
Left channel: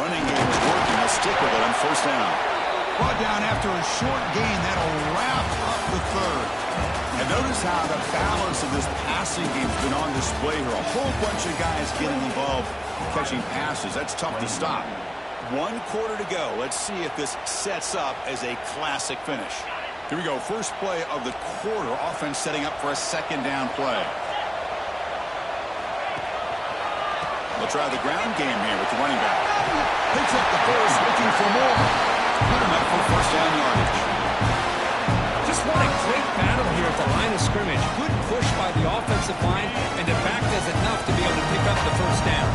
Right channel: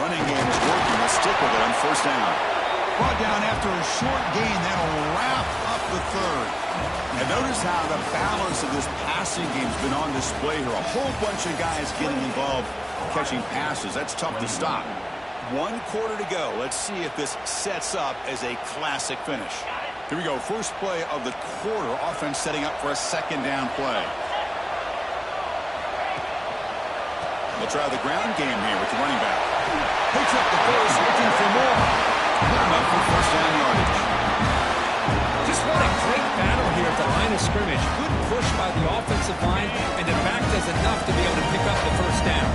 Running game is working. Let's stick with it on first down. Brought down after a short gain. That'll wrap up the third. And notice how the balance of this passing game's been on display here. A whole bunch of guys getting involved catching passes. That's tough to stop. 1 quarter to go. Let's see if this sets up as a classic finish. Here we go. First play of the quarter. Offense setting up for a second down play. They'll try the ground game here with the running back. Picks up the first, looking for more. Put him up for first down yardage. Just what a great battle here at the line of scrimmage. Good push by the offensive line, and the back does enough to be able to pick up the first down.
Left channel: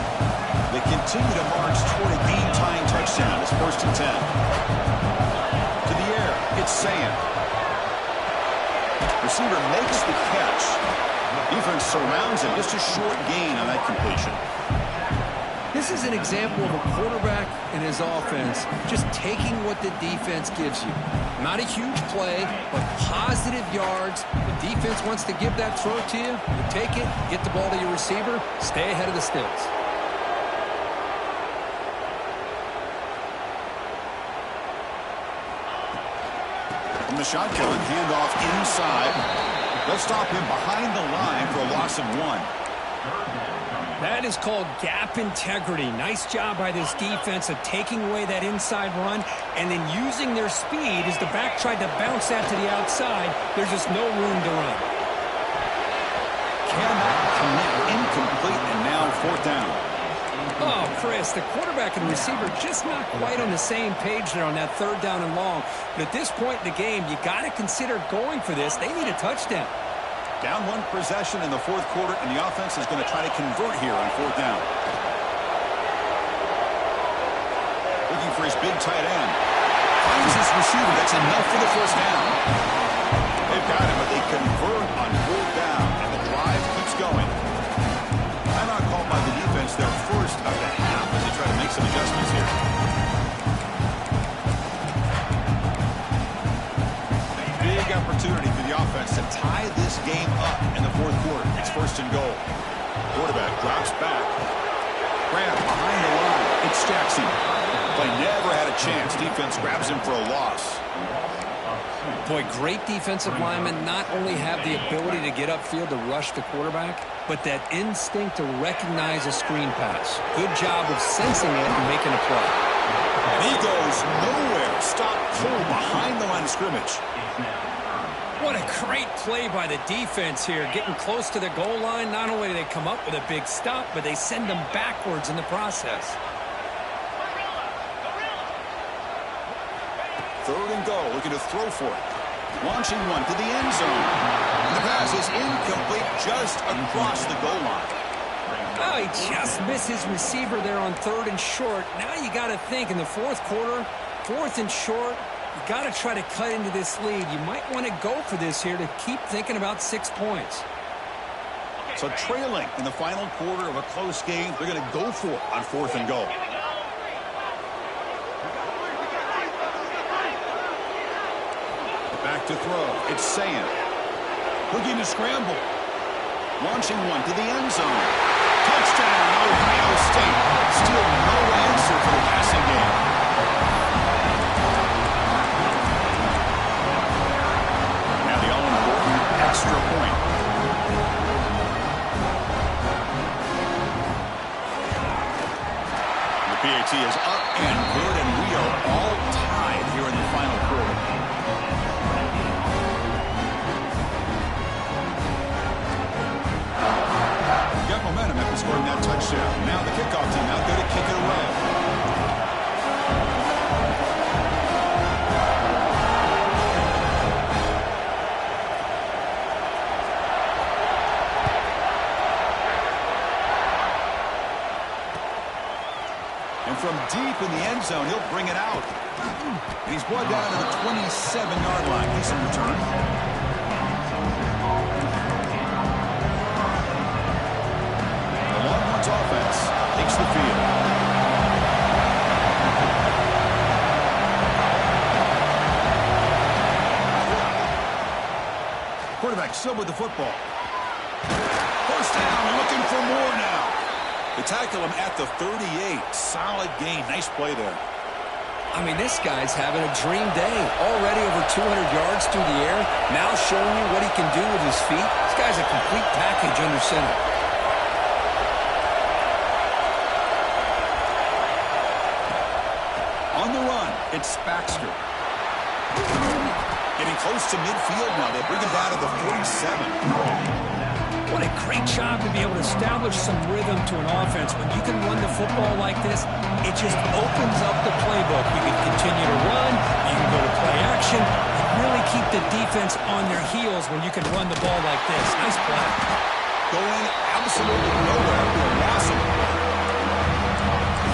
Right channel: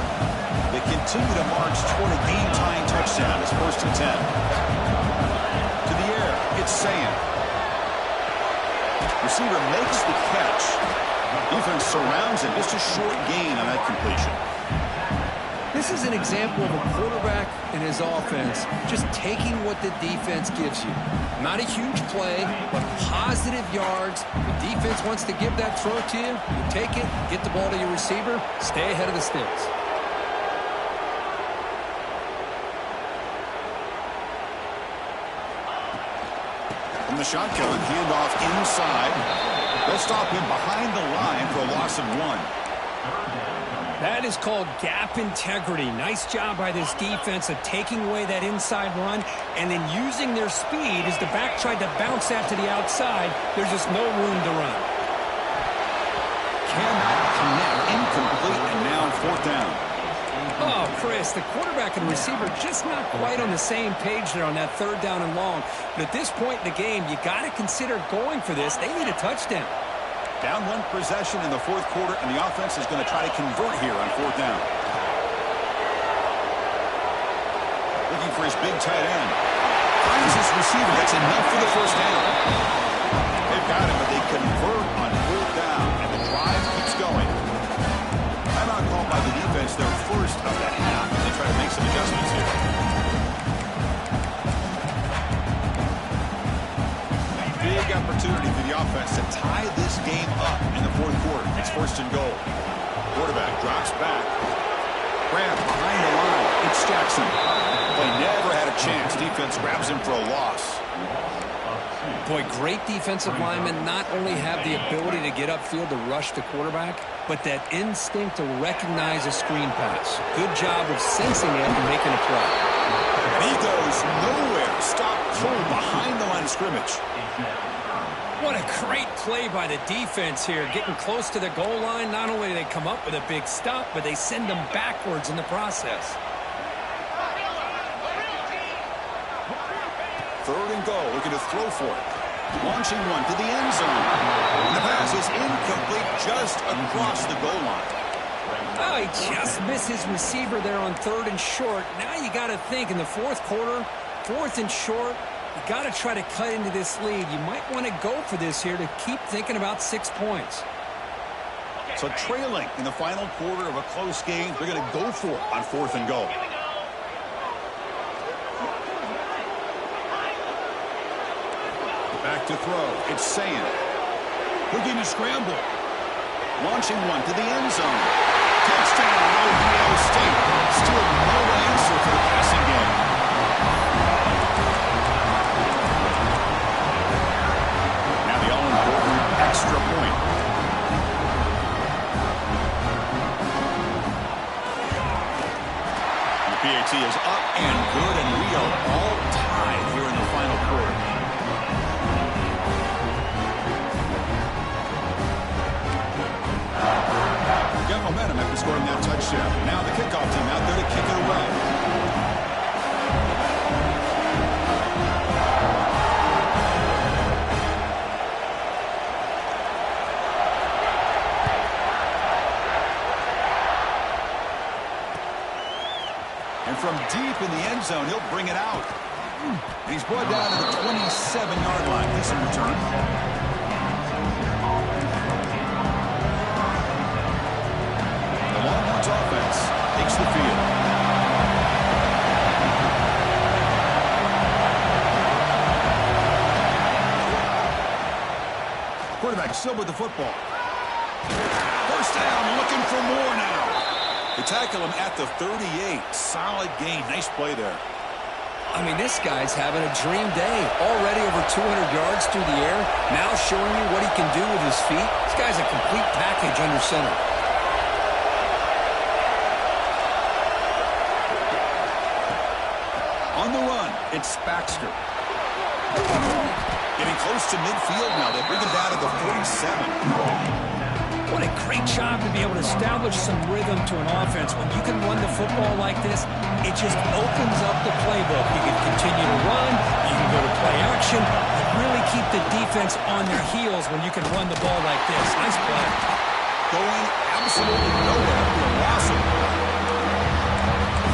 They continue to march toward a game-tying touchdown. It's first and 10. To the air, it's Sayan. Receiver makes the catch. Defense surrounds him. Just a short gain on that completion. This is an example of a quarterback and his offense just taking what the defense gives you. Not a huge play, but positive yards. The defense wants to give that throw to you. You take it, get the ball to your receiver, stay ahead of the stills. From the shotgun, handoff inside. They'll stop him behind the line for a loss of 1. That is called gap integrity. Nice job by this defense of taking away that inside run and then using their speed as the back tried to bounce that to the outside. There's just no room to run. Cannot connect. Incomplete, and now fourth down. Oh, Chris, the quarterback and receiver just not quite on the same page there on that third down and long. But at this point in the game, you got to consider going for this. They need a touchdown. Down 1 possession in the fourth quarter, and the offense is going to try to convert here on fourth down. Looking for his big tight end. Finds his receiver. That's enough for the first down. They've got him, but they convert on fourth down, and the drive keeps going. Timeout called by the defense, their first of the half, as they try to make some adjustments here. Big opportunity for the offense to tie this game up in the fourth quarter. It's first and goal. Quarterback drops back. Grab behind the line. It's Jackson. Play never had a chance. Defense grabs him for a loss. Boy, great defensive linemen not only have the ability to get upfield to rush the quarterback, but that instinct to recognize a screen pass. Good job of sensing it and making a play. And he goes nowhere. Stop cold behind the line of scrimmage. What a great play by the defense here. Getting close to the goal line, not only do they come up with a big stop, but they send them backwards in the process. Third and goal, looking to throw for it. Launching one to the end zone. And the pass is incomplete just across the goal line. Oh, he just missed his receiver there on third and short. Now you got to think in the fourth quarter, fourth and short, you got to try to cut into this lead. You might want to go for this here to keep thinking about 6 points. So trailing in the final quarter of a close game, they're going to go for it on 4th and goal. Back to throw. It's Sayan. Looking to scramble. Launching one to the end zone. Touchdown, Ohio State. Still no answer for the passing game. Now the all-important extra point. The PAT is up and good, and we are all tied here in the final quarter. Got momentum after scoring that touchdown. Now the kickoff team out there to kick it away. And from deep in the end zone, he'll bring it out. And he's brought down to the 27-yard line. Decent return. Longhorns offense takes the field. Quarterback still with the football. First down, looking for more now. They tackle him at the 38. Solid gain. Nice play there. I mean, this guy's having a dream day. Already over 200 yards through the air. Now showing you what he can do with his feet. This guy's a complete package under center. On the run, it's Baxter. Getting close to midfield now. They bring him down to the 47. What a great job to be able to establish some rhythm to an offense. When you can run the football like this, it just opens up the playbook. You can continue to run. You can go to play action. You really keep the defense on their heels when you can run the ball like this. Nice play. Going absolutely nowhere after a loss of the play.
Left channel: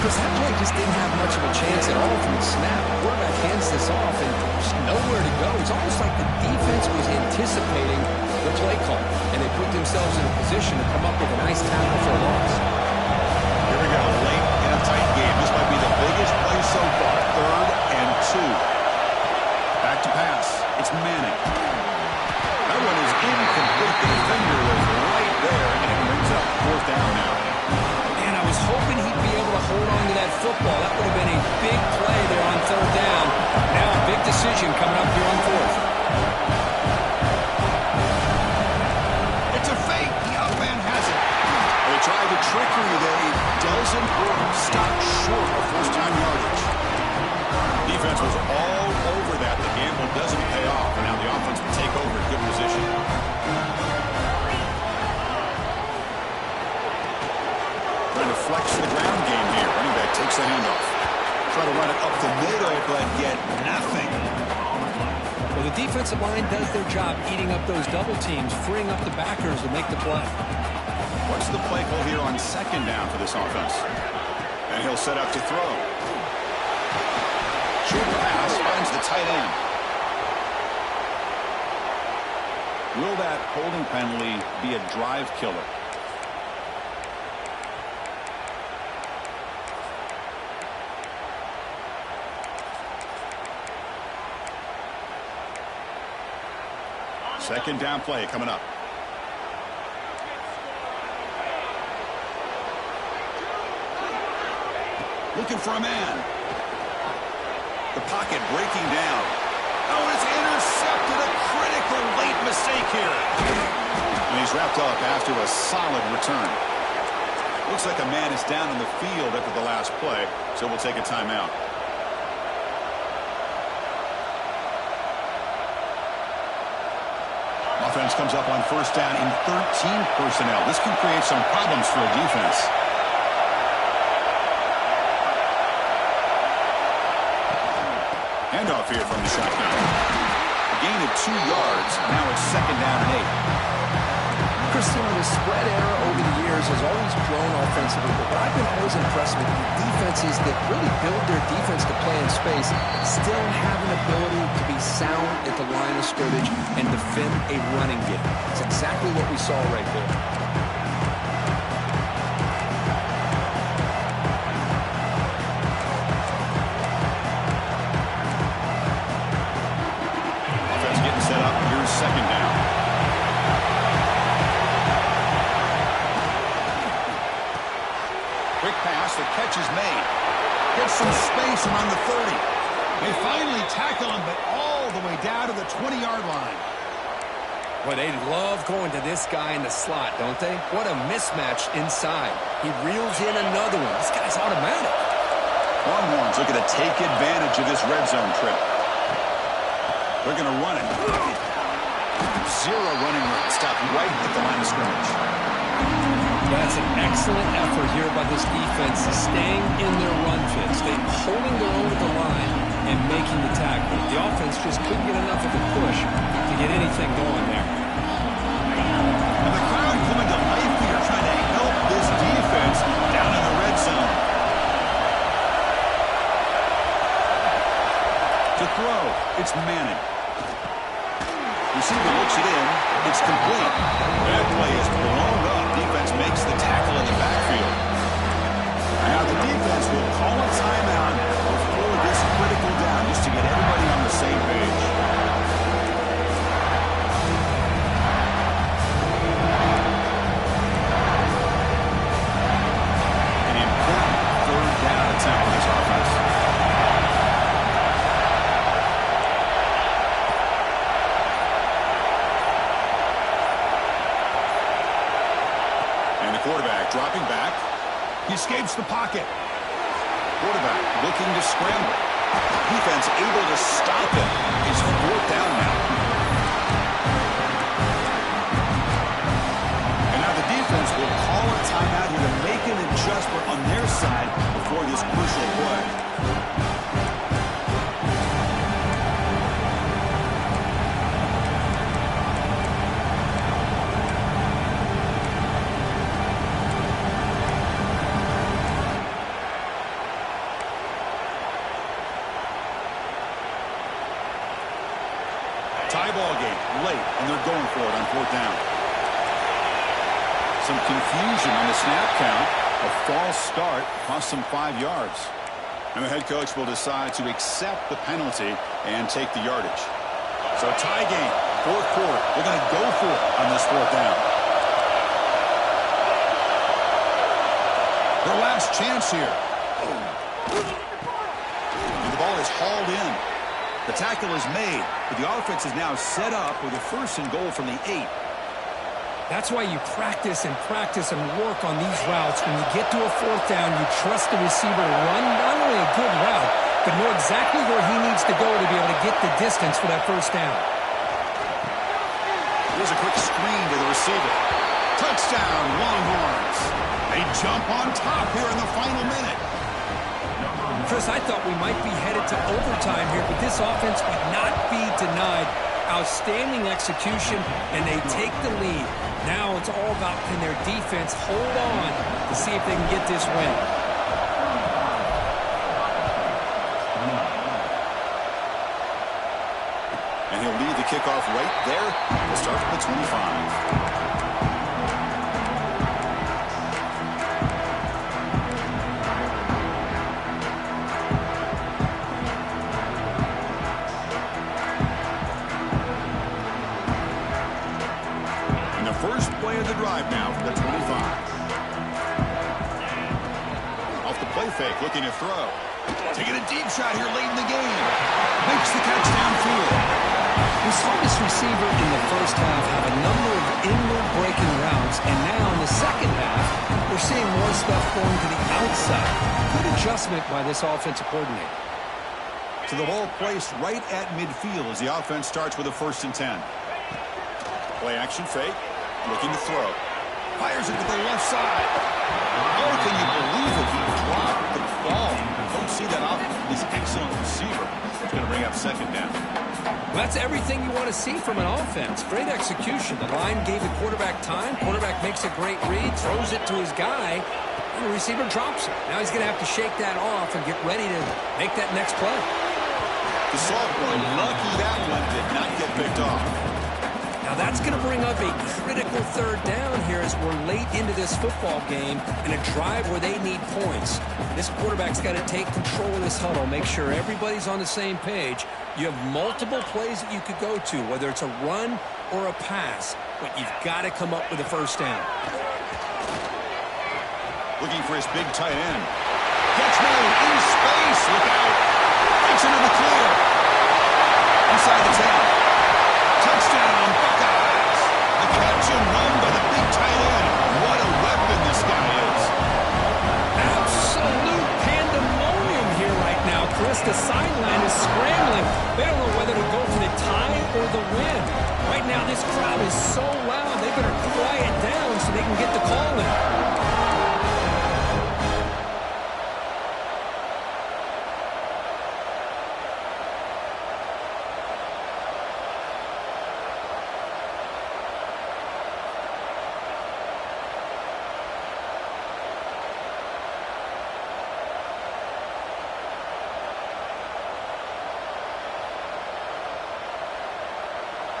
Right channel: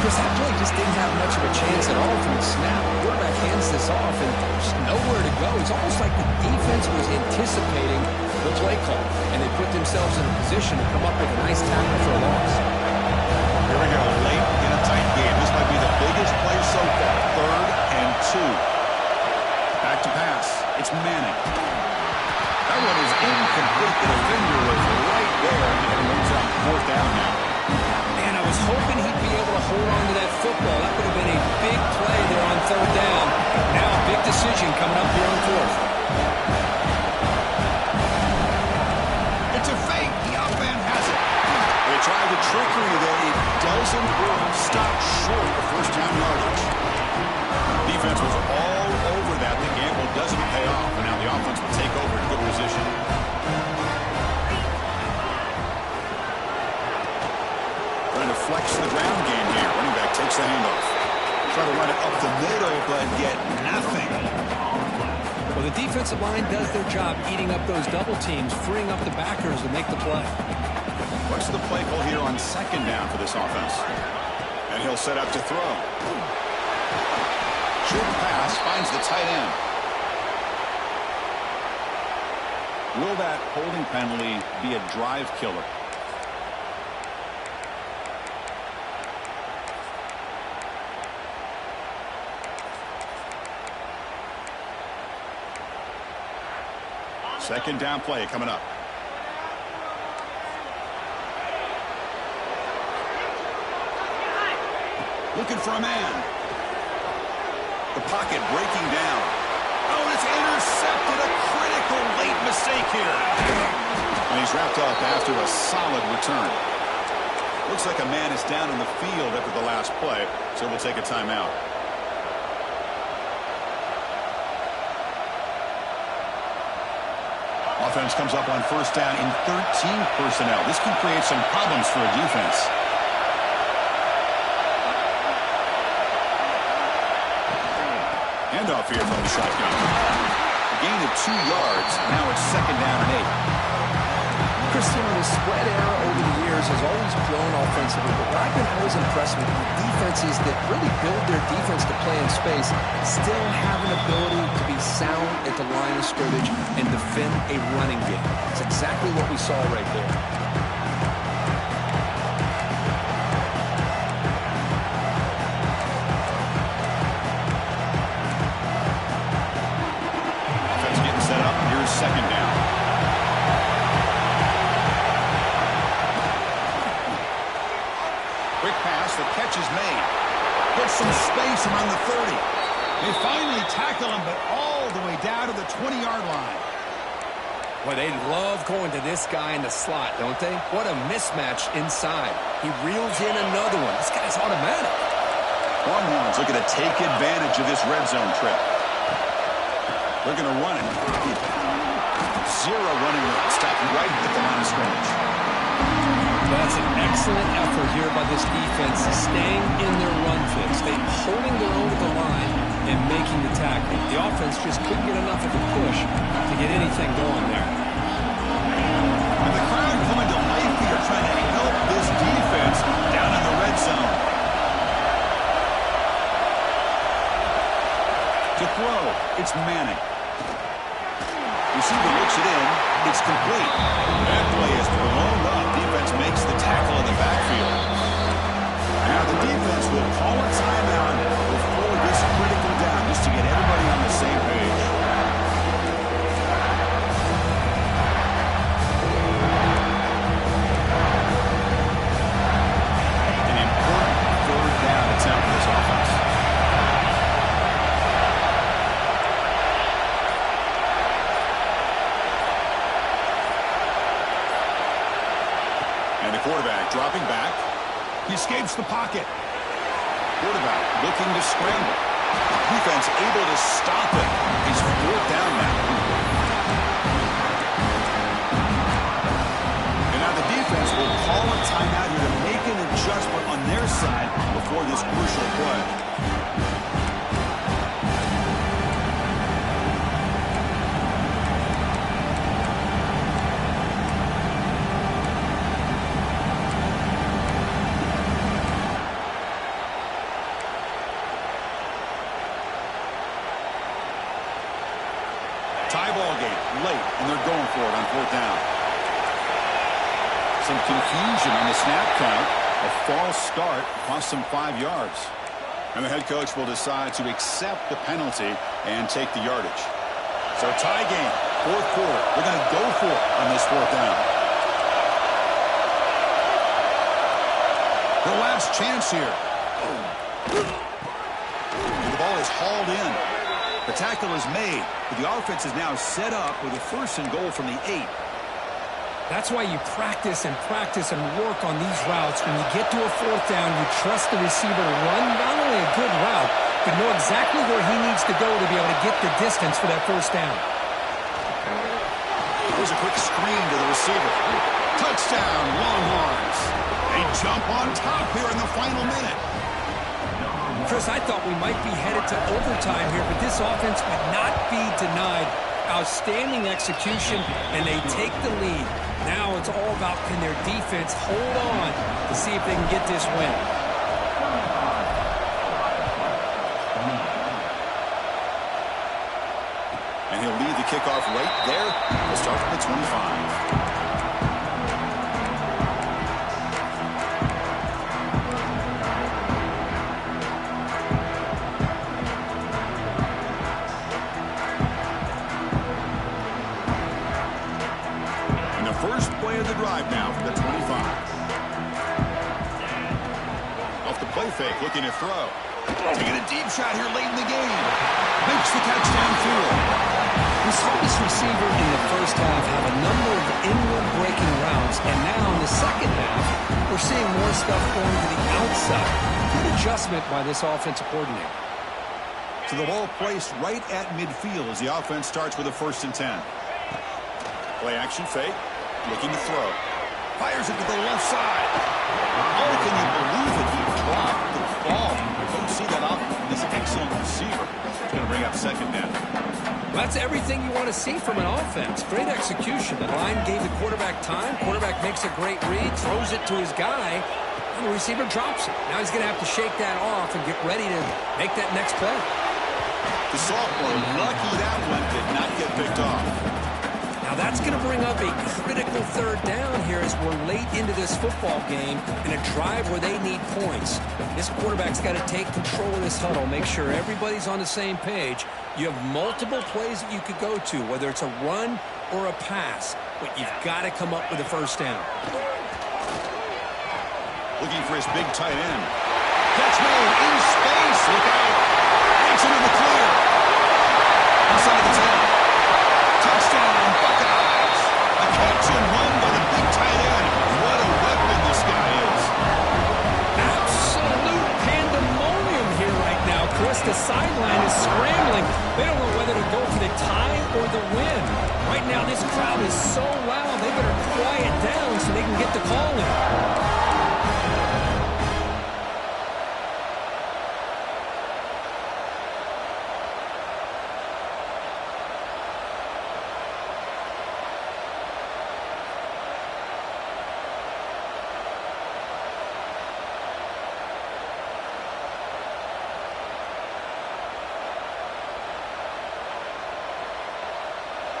Chris, that play just didn't have much of a chance at all from the snap. The quarterback hands this off and just nowhere to go. It's almost like the defense was anticipating the play call, and they put themselves in a position to come up with a nice tackle for a loss. Here we go, late in a tight game. This might be the biggest play so far. 3rd and 2. Back to pass. It's Manning. That one is incomplete. The defender was right there, and it brings up 4th down now. And I was hoping he'd be able to hold on to that football. That would have been a big play there on 3rd down. Now a big decision coming up here on 4th. It's a fake. The out man has it. They tried the trickery there. It doesn't work. Stopped short of 1st down yardage. Defense was all over that. The gamble doesn't pay off. And now the offense will take over in good position. Trying to flex the ground game here. Running back takes the handoff. Try to run it up the middle, but get nothing. Well, the defensive line does their job eating up those double teams, freeing up the backers to make the play. What's the play call here on 2nd down for this offense? And he'll set up to throw. Short pass finds the tight end. Will that holding penalty be a drive killer? Second down play coming up. Looking for a man. The pocket breaking down. Oh, and it's intercepted. A critical late mistake here. And he's wrapped up after a solid return. Looks like a man is down on the field after the last play, so we'll take a timeout. Offense comes up on 1st down in 13 personnel. This can create some problems for a defense. Handoff here from the shotgun. A gain of 2 yards. Now it's 2nd down and 8. Christian, the spread era over the years has always grown offensively, but what I've been always impressed with the defenses that really build their defense to play in space still have an ability to be sound at the line of scrimmage and defend a running game. It's exactly what we saw right there. pass. The catch is made. Gets some space around the 30. They finally tackle him, but all the way down to the 20-yard line. Well, they love going to this guy in the slot, don't they? What a mismatch inside. He reels in another one. This guy's automatic. Longhorns looking to take advantage of this red zone trip. They're going to run it. Zero running room. Stopped right at the line of scrimmage. That's an excellent effort here by this defense, staying in their run fix. They're holding their own at the line and making the tackle. The offense just couldn't get enough of a push to get anything going there. And the crowd coming to life here, trying to help this defense down in the red zone. To throw, it's Manning. Receiver looks it in. It's complete. That play is blown up. Defense makes the tackle in the backfield. Now the defense will call a timeout before this critical down, just to get everybody on the same page. An important third down attempt for this offense. And the quarterback dropping back. He escapes the pocket. Quarterback looking to scramble. Defense able to stop him. It's fourth down now. And now the defense will call a timeout here to make an adjustment on their side before this crucial play. Tie ball game late, and they're going for it on fourth down. Some confusion on the snap count. A false start cost them 5 yards. And the head coach will decide to accept the penalty and take the yardage. So tie game, fourth quarter. They're going to go for it on this fourth down. Their last chance here. And the ball is hauled in. The tackle is made, but the offense is now set up with a first and goal from the 8. That's why you practice and work on these routes. When you get to a fourth down, you trust the receiver to run not only a good route, but know exactly where he needs to go to be able to get the distance for that first down. Here's a quick screen to the receiver. Touchdown, Longhorns. They jump on top here in the final minute. Chris, I thought we might be headed to overtime here, but this offense would not be denied. Outstanding execution, and they take the lead. Now it's all about, can their defense hold on to see if they can get this win. And he'll lead the kickoff right there. We'll start from the 25. First play of the drive now from the 25. Off the play fake, looking to throw. Taking a deep shot here late in the game. Makes the catch downfield. We saw this receiver in the first half have a number of inward breaking routes, and now in the second half, we're seeing more stuff going to the outside. Good adjustment by this offensive coordinator. So the ball placed right at midfield as the offense starts with a 1st and 10. Play action fake. Looking to throw. Fires it to the left side. Oh, can you believe it? He dropped the ball. Don't see that often from this excellent receiver. It's going to bring up second down. Well, that's everything you want to see from an offense. Great execution. The line gave the quarterback time. Quarterback makes a great read, throws it to his guy, and the receiver drops it. Now he's going to have to shake that off and get ready to make that next play. The sophomore, lucky that one did not get picked off. Now that's going to bring up a critical third down here as we're late into this football game in a drive where they need points. This quarterback's got to take control of this huddle, make sure everybody's on the same page. You have multiple plays that you could go to, whether it's a run or a pass, but you've got to come up with a first down. Looking for his big tight end. Catch made in space. Look out. Takes into the clear. Inside the 10. Touchdown, Buckeyes. A catch and run by the big tight end. What a weapon this guy is. Absolute pandemonium here right now, Chris. The sideline is scrambling. They don't know whether to go for the tie or the win. Right now, this crowd is so loud, they better quiet down so they can get the call in.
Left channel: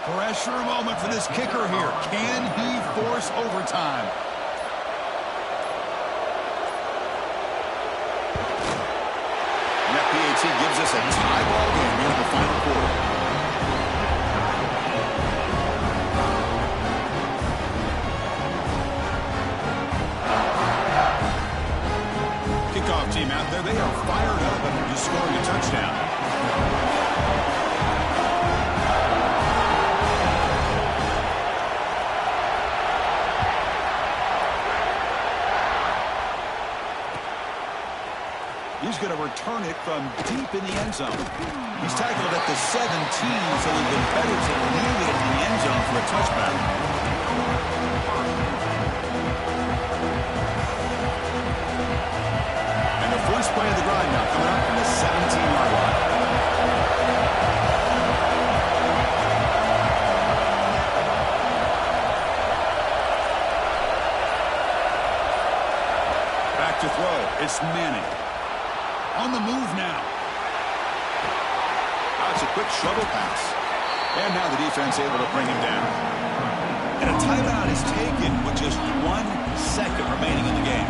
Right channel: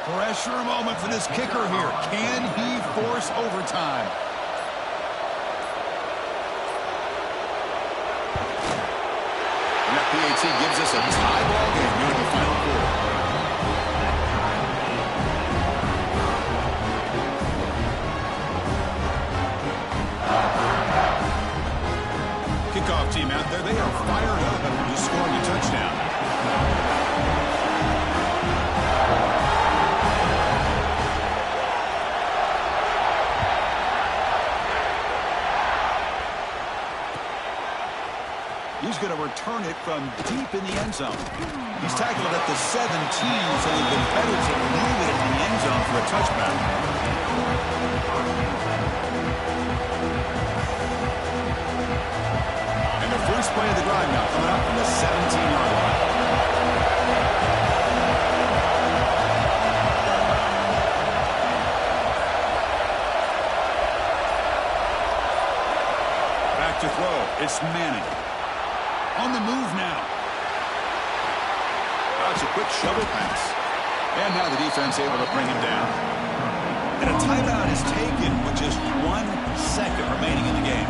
Pressure moment for this kicker here. Can he force overtime? And that PAT gives us a tie ball game here in the final quarter. Kickoff team out there. They are fired up after just scoring a touchdown. He's going to return it from deep in the end zone. He's tackled it at the 17, so it would have been better to leave it in the end zone for a touchback. And the first play of the drive now coming up from the 17-yard line. Back to throw. It's Manning. On the move now. That's a quick shovel pass. And now the defense able to bring him down. And a timeout is taken with just 1 second remaining in the game.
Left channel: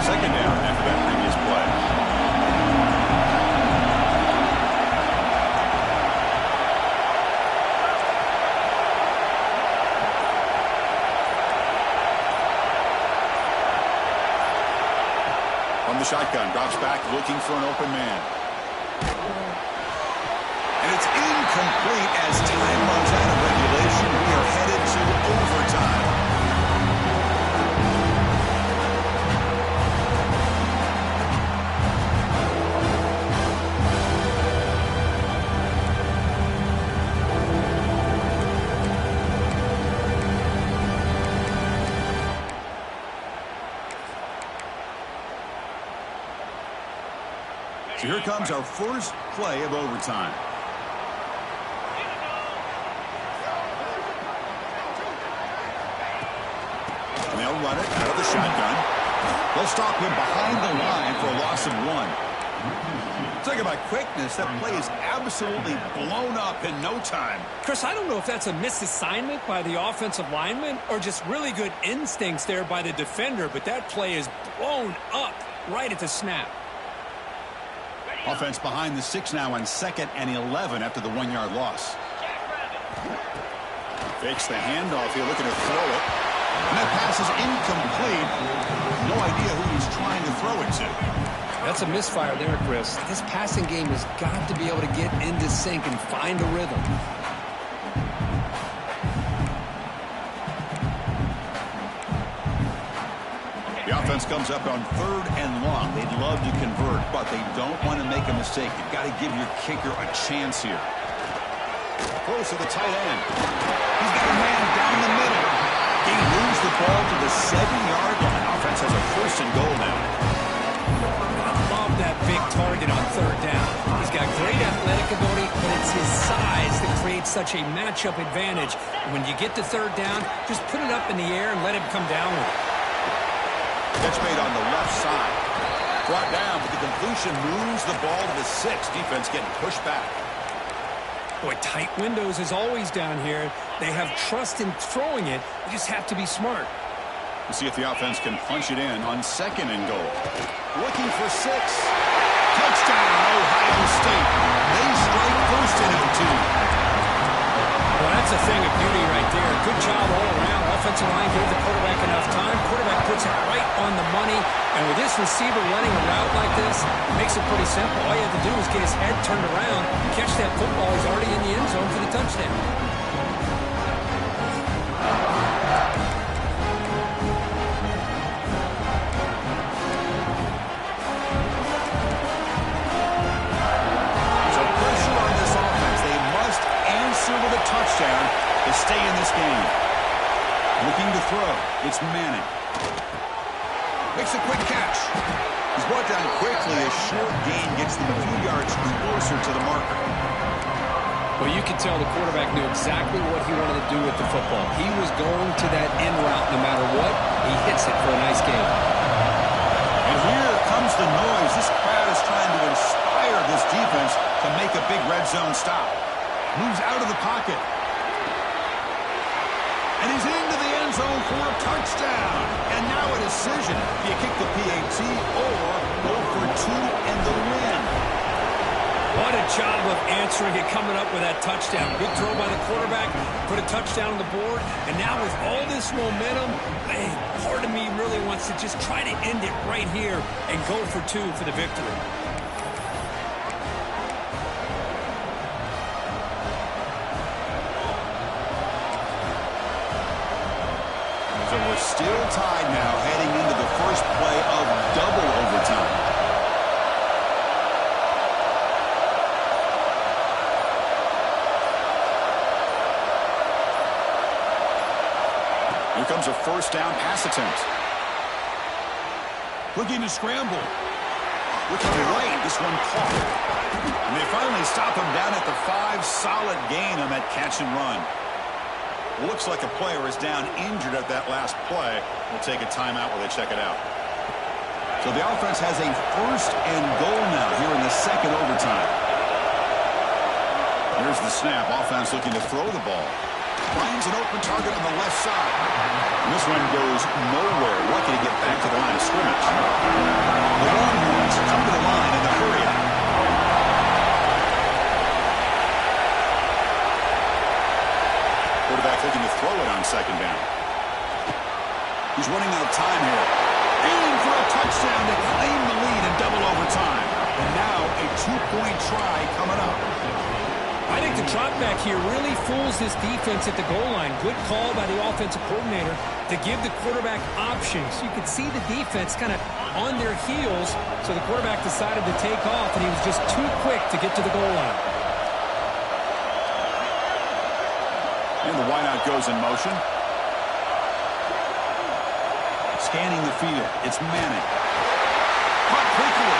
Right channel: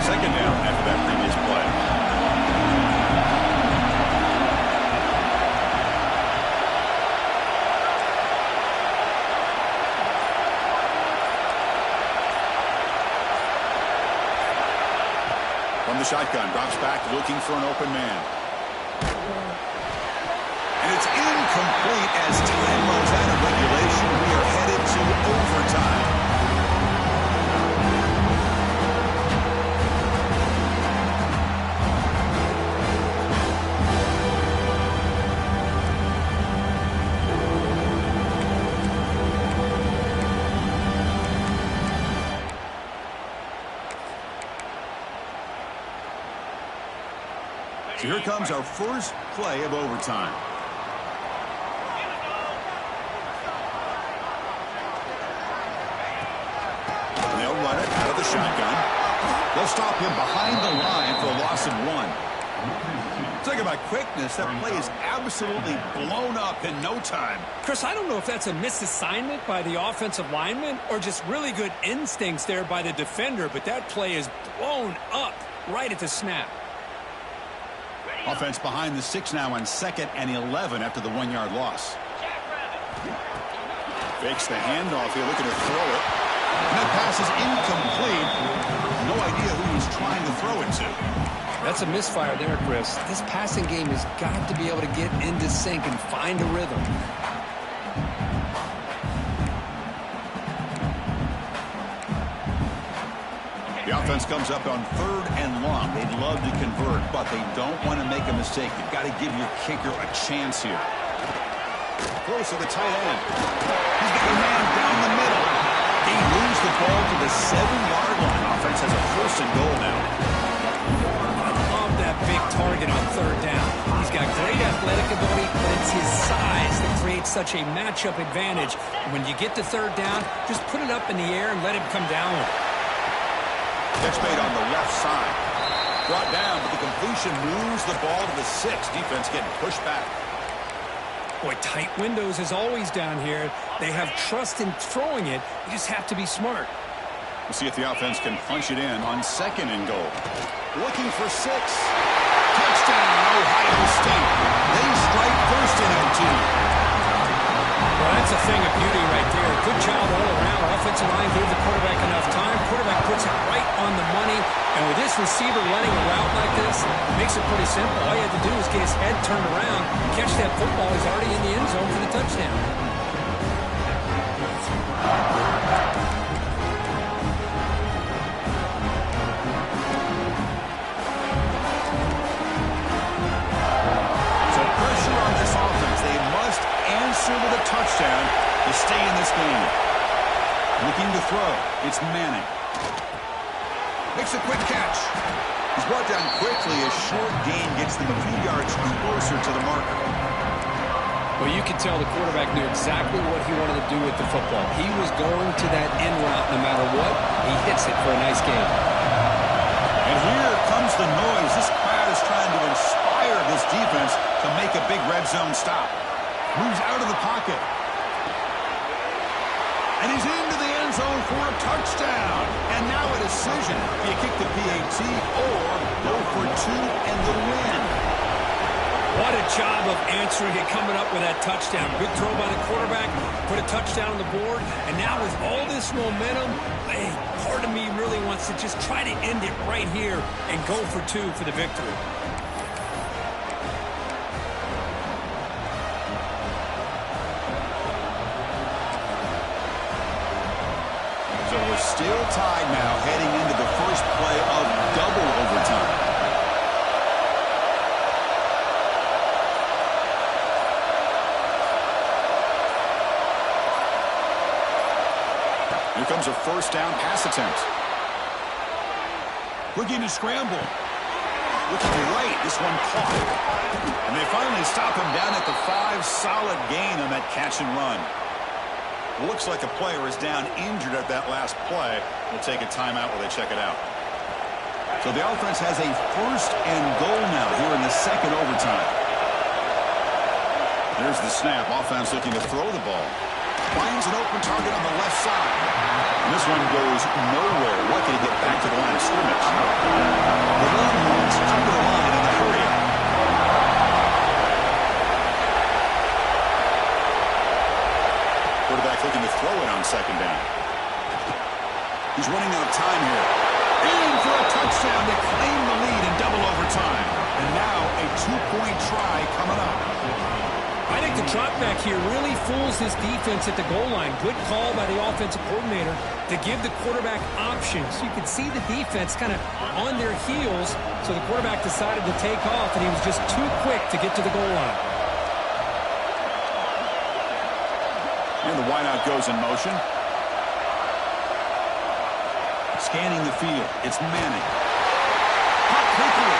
Second down after that previous play. From the shotgun, drops back, looking for an open man. And it's incomplete as time runs out of regulation. We are headed to overtime. So here comes our first play of overtime. And they'll run it out of the shotgun. They'll stop him behind the line for a loss of 1. Talk about quickness. That play is absolutely blown up in no time. Chris, I don't know if that's a misassignment by the offensive lineman or just really good instincts there by the defender, but that play is blown up right at the snap. Offense behind the 6 now on 2nd and 11 after the 1-yard loss. Fakes the handoff here, looking to throw it. And that pass is incomplete. No idea who he's trying to throw it to. That's a misfire there, Chris. This passing game has got to be able to get into sync and find a rhythm. The offense comes up on 3rd and long. They'd love to convert, but they don't want to make a mistake. You've got to give your kicker a chance here. Close to the tight end. He's got a man down the middle. He moves the ball to the 7-yard line. Offense has a 1st and goal now. I love that big target on 3rd down. He's got great athletic ability, but it's his size that creates such a matchup advantage. And when you get to 3rd down, just put it up in the air and let him come down with it. Catch made on the left side. Brought down, but the completion moves the ball to the 6. Defense getting pushed back. Boy, tight windows is always down here. They have trust in throwing it. You just have to be smart. We'll see if the offense can punch it in on 2nd and goal. Looking for 6. Touchdown, Ohio State. They strike first in OT. Well, that's a thing of beauty right there. Good job all around. Offensive line gave the quarterback enough time. Quarterback puts it right on the money. And with this receiver running a route like this, it makes it pretty simple. All you had to do was get his head turned around, catch that football. He's already in the end zone for the touchdown. So pressure on this offense. They must answer with a touchdown to stay in this game. Looking to throw. It's Manning. Makes a quick catch. He's brought down quickly. A short gain gets them a few yards closer to the marker. Well, you can tell the quarterback knew exactly what he wanted to do with the football. He was going to that end route no matter what. He hits it for a nice game. And here comes the noise. This crowd is trying to inspire this defense to make a big red zone stop. Moves out of the pocket. And he's into the end zone for a touchdown. And now a decision. Do you kick the PAT or go for two and the win? What a job of answering it, coming up with that touchdown. Good throw by the quarterback, put a touchdown on the board. And now with all this momentum, hey, part of me really wants to just try to end it right here and go for two for the victory. So we're still tied now heading into the first play of double overtime. Here comes a first down pass attempt. Looking to scramble. Looking right. This one caught. And they finally stop him down at the 5. Solid gain on that catch and run. Looks like a player is down injured at that last play. We'll take a timeout while they check it out. So the offense has a first and goal now here in the second overtime. There's the snap. Offense looking to throw the ball. Finds an open target on the left side. And this one goes nowhere. Lucky to get back to the line of scrimmage. The Longhorns come to the line in the hurry-up. Quarterback looking to throw it on second down. He's running out of time here. In for a touchdown to claim the lead in double overtime. And now a 2-point try coming up. I think the drop back here really fools this defense at the goal line. Good call by the offensive coordinator to give the quarterback options. You could see the defense kind of on their heels, so the quarterback decided to take off, and he was just too quick to get to the goal line. And the wideout goes in motion. Scanning the field. It's Manning. Caught quickly.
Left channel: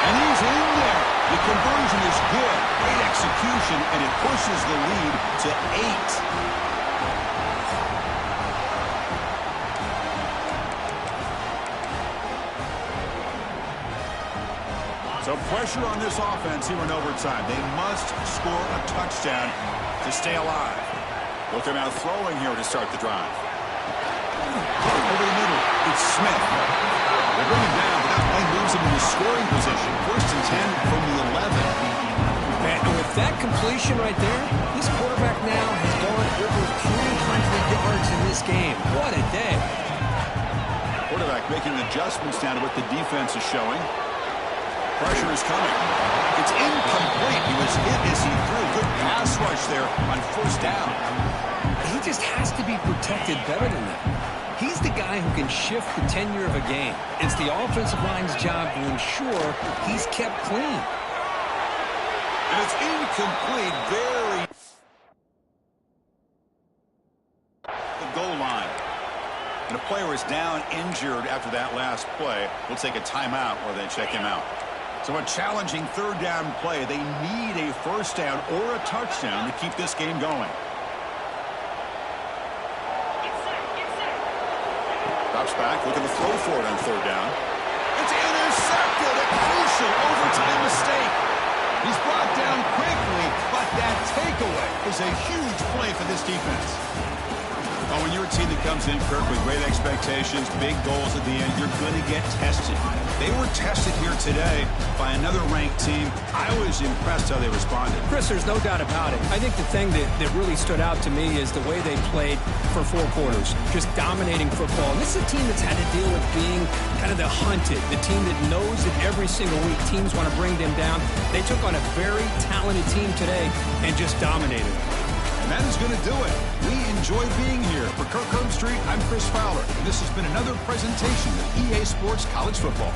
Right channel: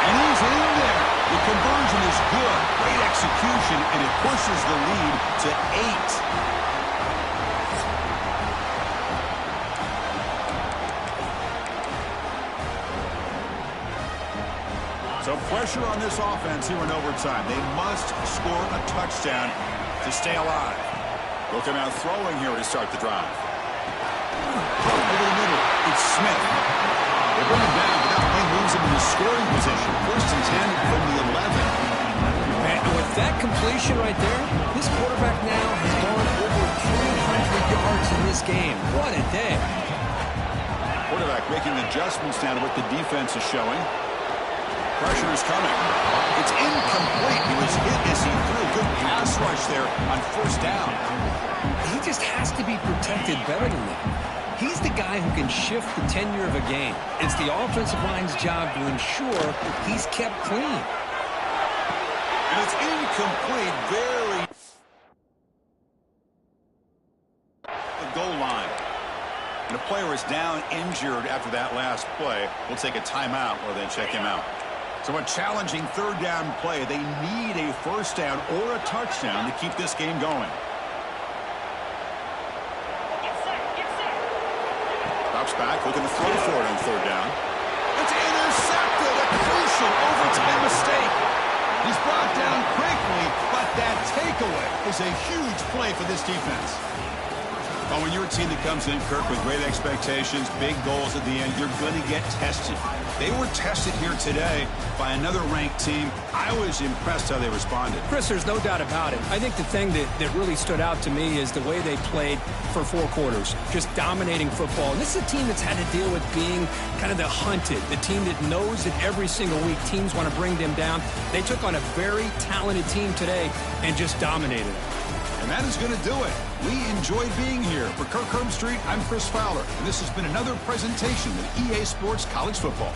And he's in there. The conversion is good. Great execution, and it pushes the lead to 8. So pressure on this offense here in overtime. They must score a touchdown to stay alive. They'll come out throwing here to start the drive. Over the middle, it's Smith. They bring him down, but that play moves him into scoring position. First and 10 from the 11. And with that completion right there, this quarterback now has gone over 300 yards in this game. What a day. Quarterback making adjustments now to what the defense is showing. Pressure is coming. It's incomplete. He was hit as he threw. Good pass rush there on first down. He just has to be protected better than that. He's the guy who can shift the tenure of a game. It's the offensive line's job to ensure he's kept clean. And it's incomplete. Very the goal line. And a player is down injured after that last play. We'll take a timeout while they check him out. So a challenging third down play. They need a first down or a touchdown to keep this game going. Drops back, looking to throw for it on third down. It's intercepted, a crucial overtime mistake. He's brought down quickly, but that takeaway is a huge play for this defense. Oh, when you're a team that comes in, Kirk, with great expectations, big goals at the end, you're going to get tested. They were tested here today by another ranked team. I was impressed how they responded. Chris, there's no doubt about it. I think the thing that really stood out to me is the way they played for 4 quarters, just dominating football. And this is a team that's had to deal with being kind of the hunted, the team that knows that every single week teams want to bring them down. They took on a very talented team today and just dominated it. And that is going to do it. We enjoyed being here. For Kirk Herbstreit, I'm Chris Fowler, and this has been another presentation of EA Sports College Football.